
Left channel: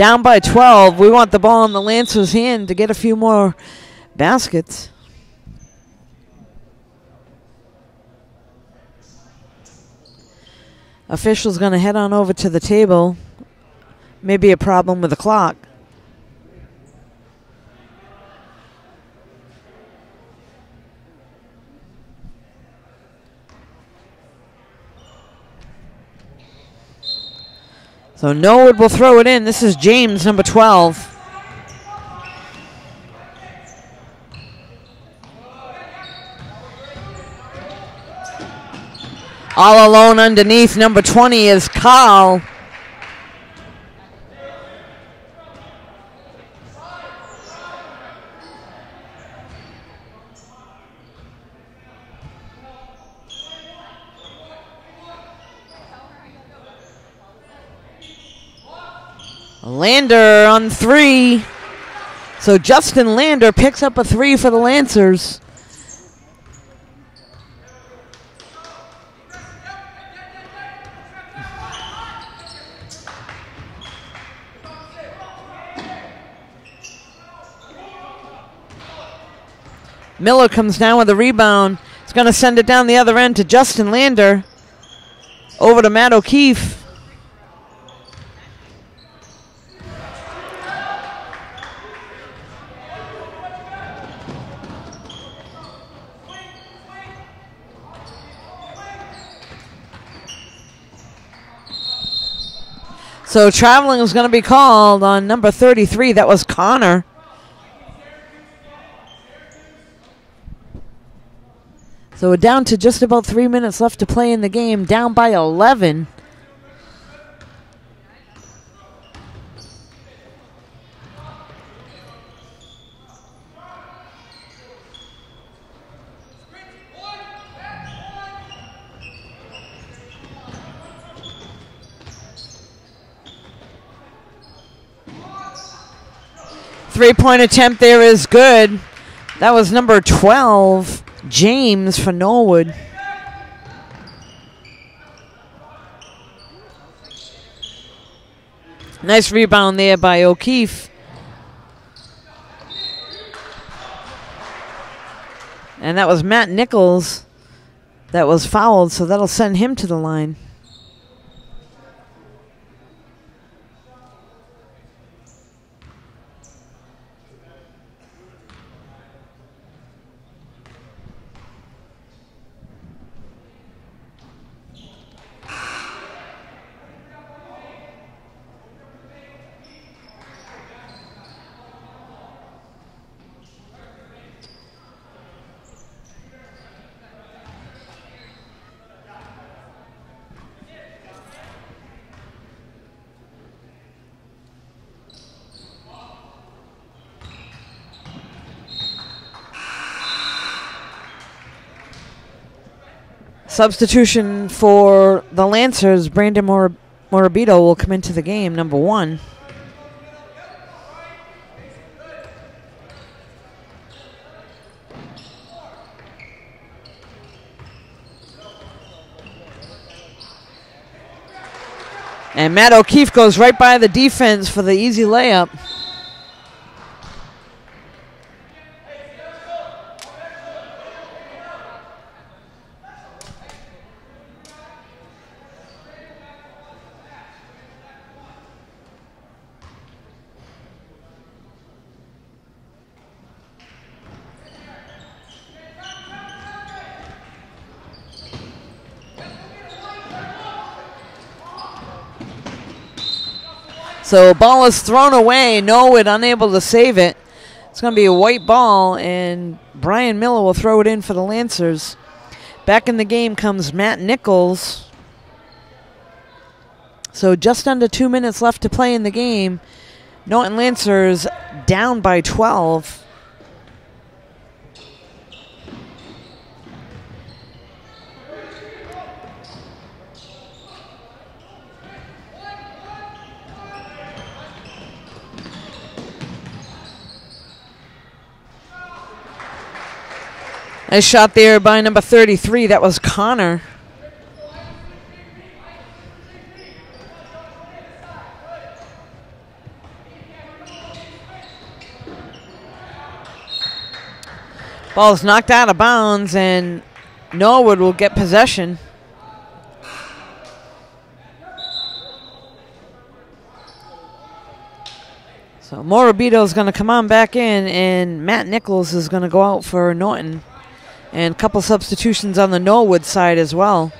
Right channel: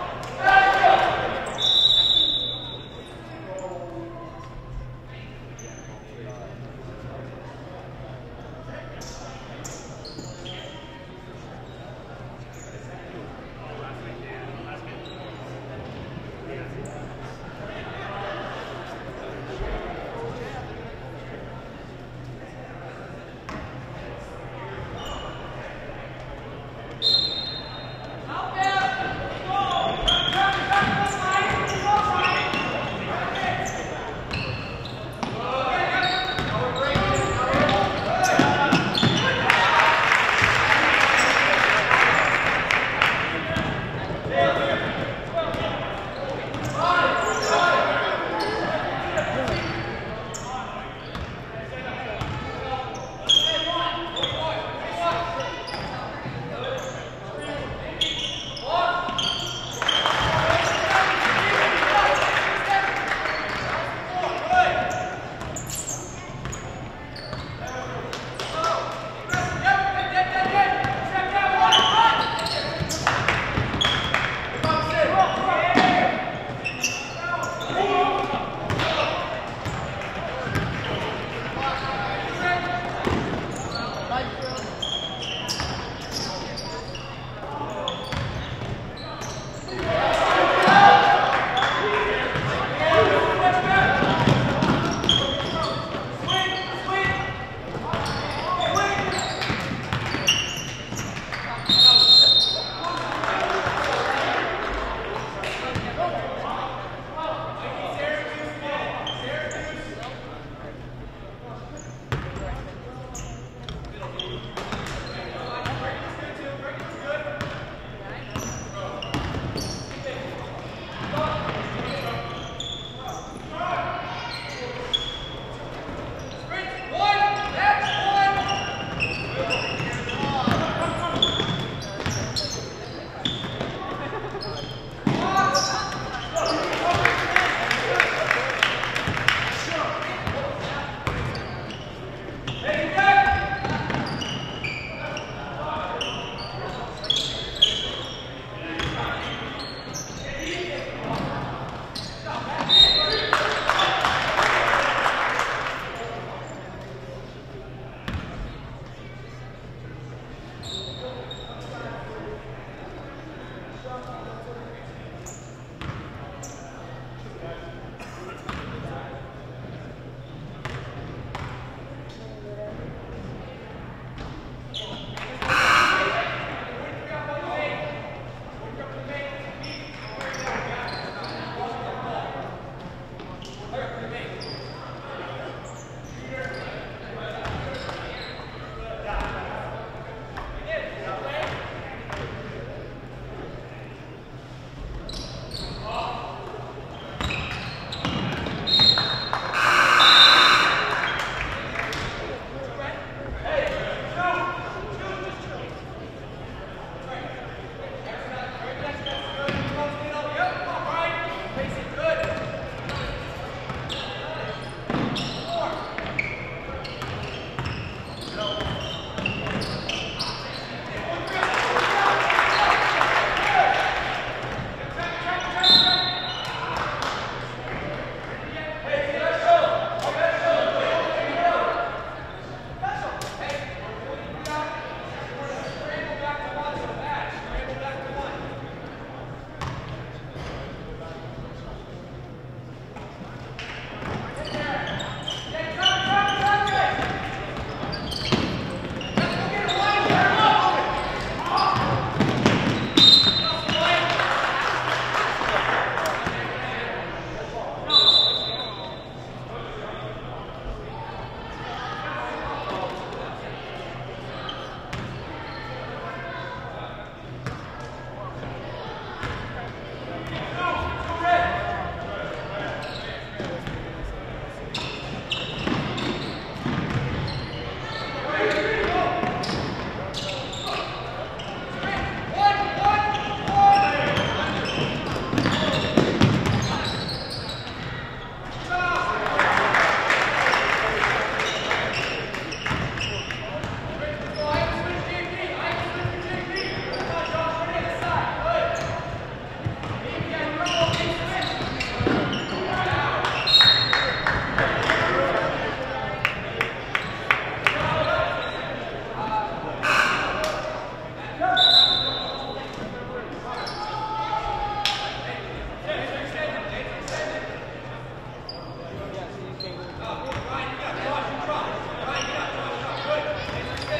Down by 12. We want the ball in the Lancers' hand to get a few more baskets. Official's going to head on over to the table. Maybe a problem with the clock. So Norwood will throw it in. This is James, number 12. All alone underneath, number 20 is Carl. Lander on the three. So Justin Lander picks up a three for the Lancers. Miller comes down with a rebound. He's going to send it down the other end to Justin Lander. Over to Matt O'Keefe. So traveling is going to be called on number 33. That was Connor. So we're down to just about 3 minutes left to play in the game, down by 11. Three-point attempt there is good. That was number 12, James for Norwood. Nice rebound there by O'Keefe. And that was Matt Nichols that was fouled, so that'll send him to the line. Substitution for the Lancers, Brandon Morabito will come into the game, number 1. And Matt O'Keefe goes right by the defense for the easy layup. So ball is thrown away. Norwood unable to save it. It's going to be a white ball, and Brian Miller will throw it in for the Lancers. Back in the game comes Matt Nichols. So just under 2 minutes left to play in the game. Norton Lancers down by 12. Nice shot there by number 33. That was Connor. Ball's knocked out of bounds, and Norwood will get possession. So Morabito is going to come on back in, and Matt Nichols is going to go out for Norton. And a couple substitutions on the Norwood side as well.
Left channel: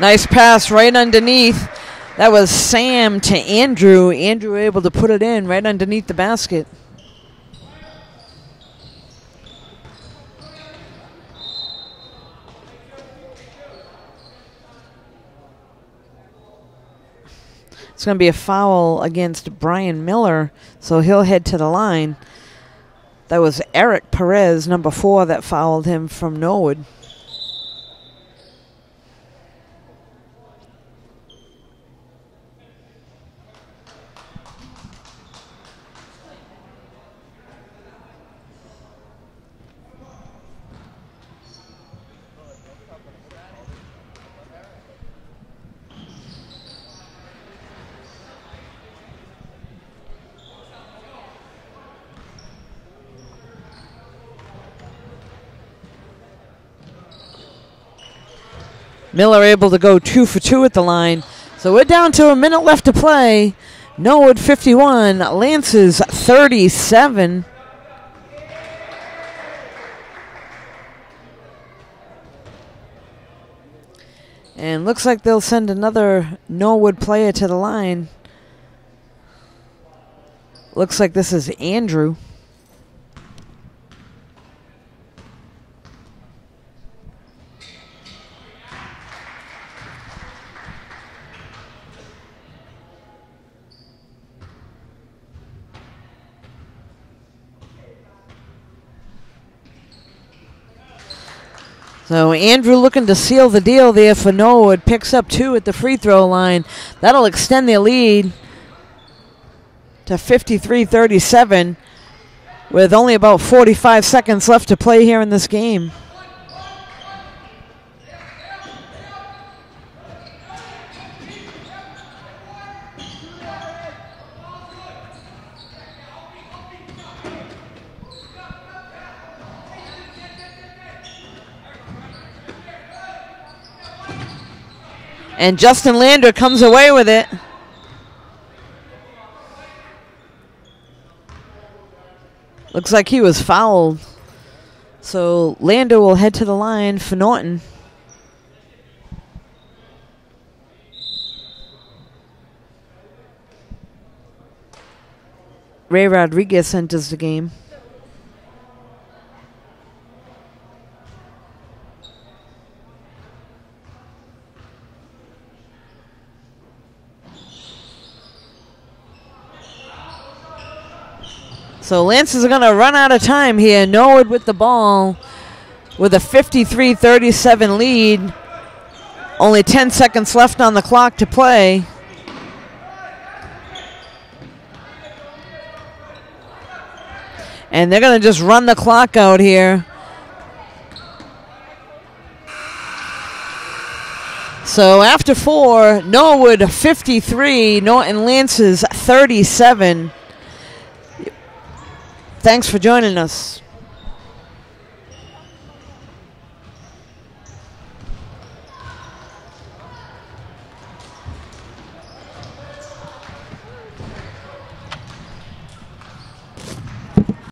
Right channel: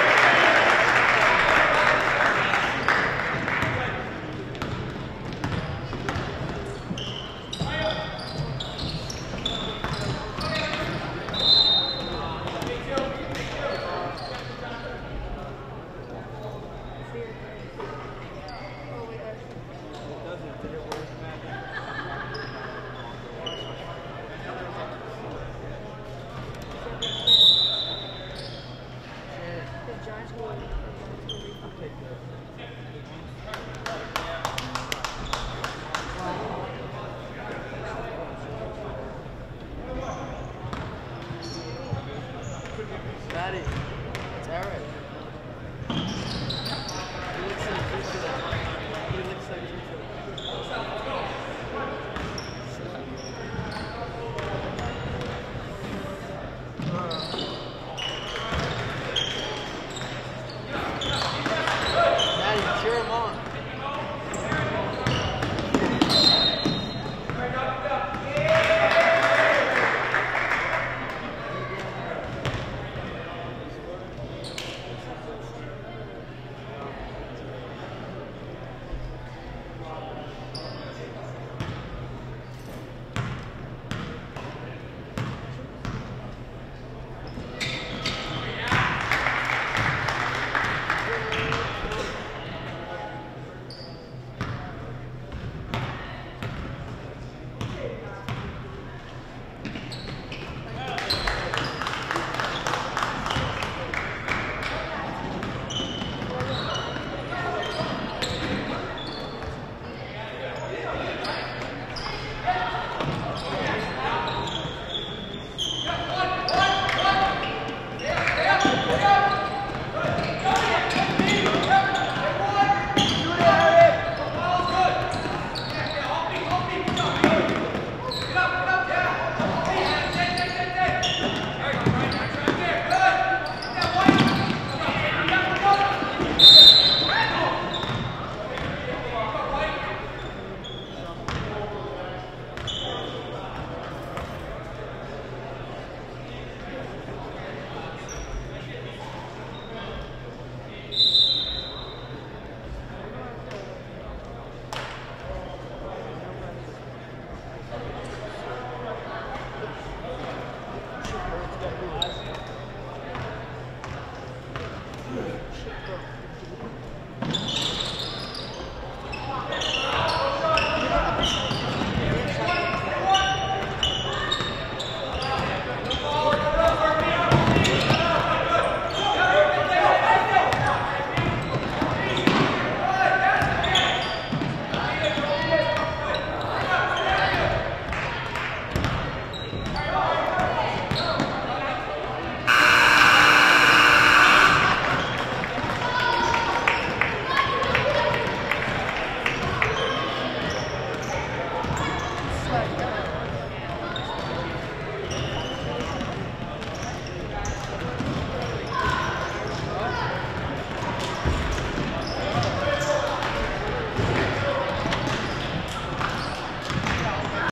Nice pass right underneath. That was Sam to Andrew. Andrew able to put it in right underneath the basket. It's going to be a foul against Brian Miller, so he'll head to the line. That was Eric Perez, number 4, that fouled him from Norwood. Miller able to go 2 for 2 at the line. So we're down to a minute left to play. Norwood 51, Lancers 37. And looks like they'll send another Norwood player to the line. Looks like this is Andrew. So Andrew looking to seal the deal there for Norwood. Picks up 2 at the free throw line. That'll extend their lead to 53-37 with only about 45 seconds left to play here in this game. And Justin Lander comes away with it. Looks like he was fouled. So Lander will head to the line for Norton. Ray Rodriguez enters the game. So Lancers are going to run out of time here. Norwood with the ball with a 53-37 lead. Only 10 seconds left on the clock to play. And they're going to just run the clock out here. So after 4, Norwood 53, Norton Lancers 37. Thanks for joining us.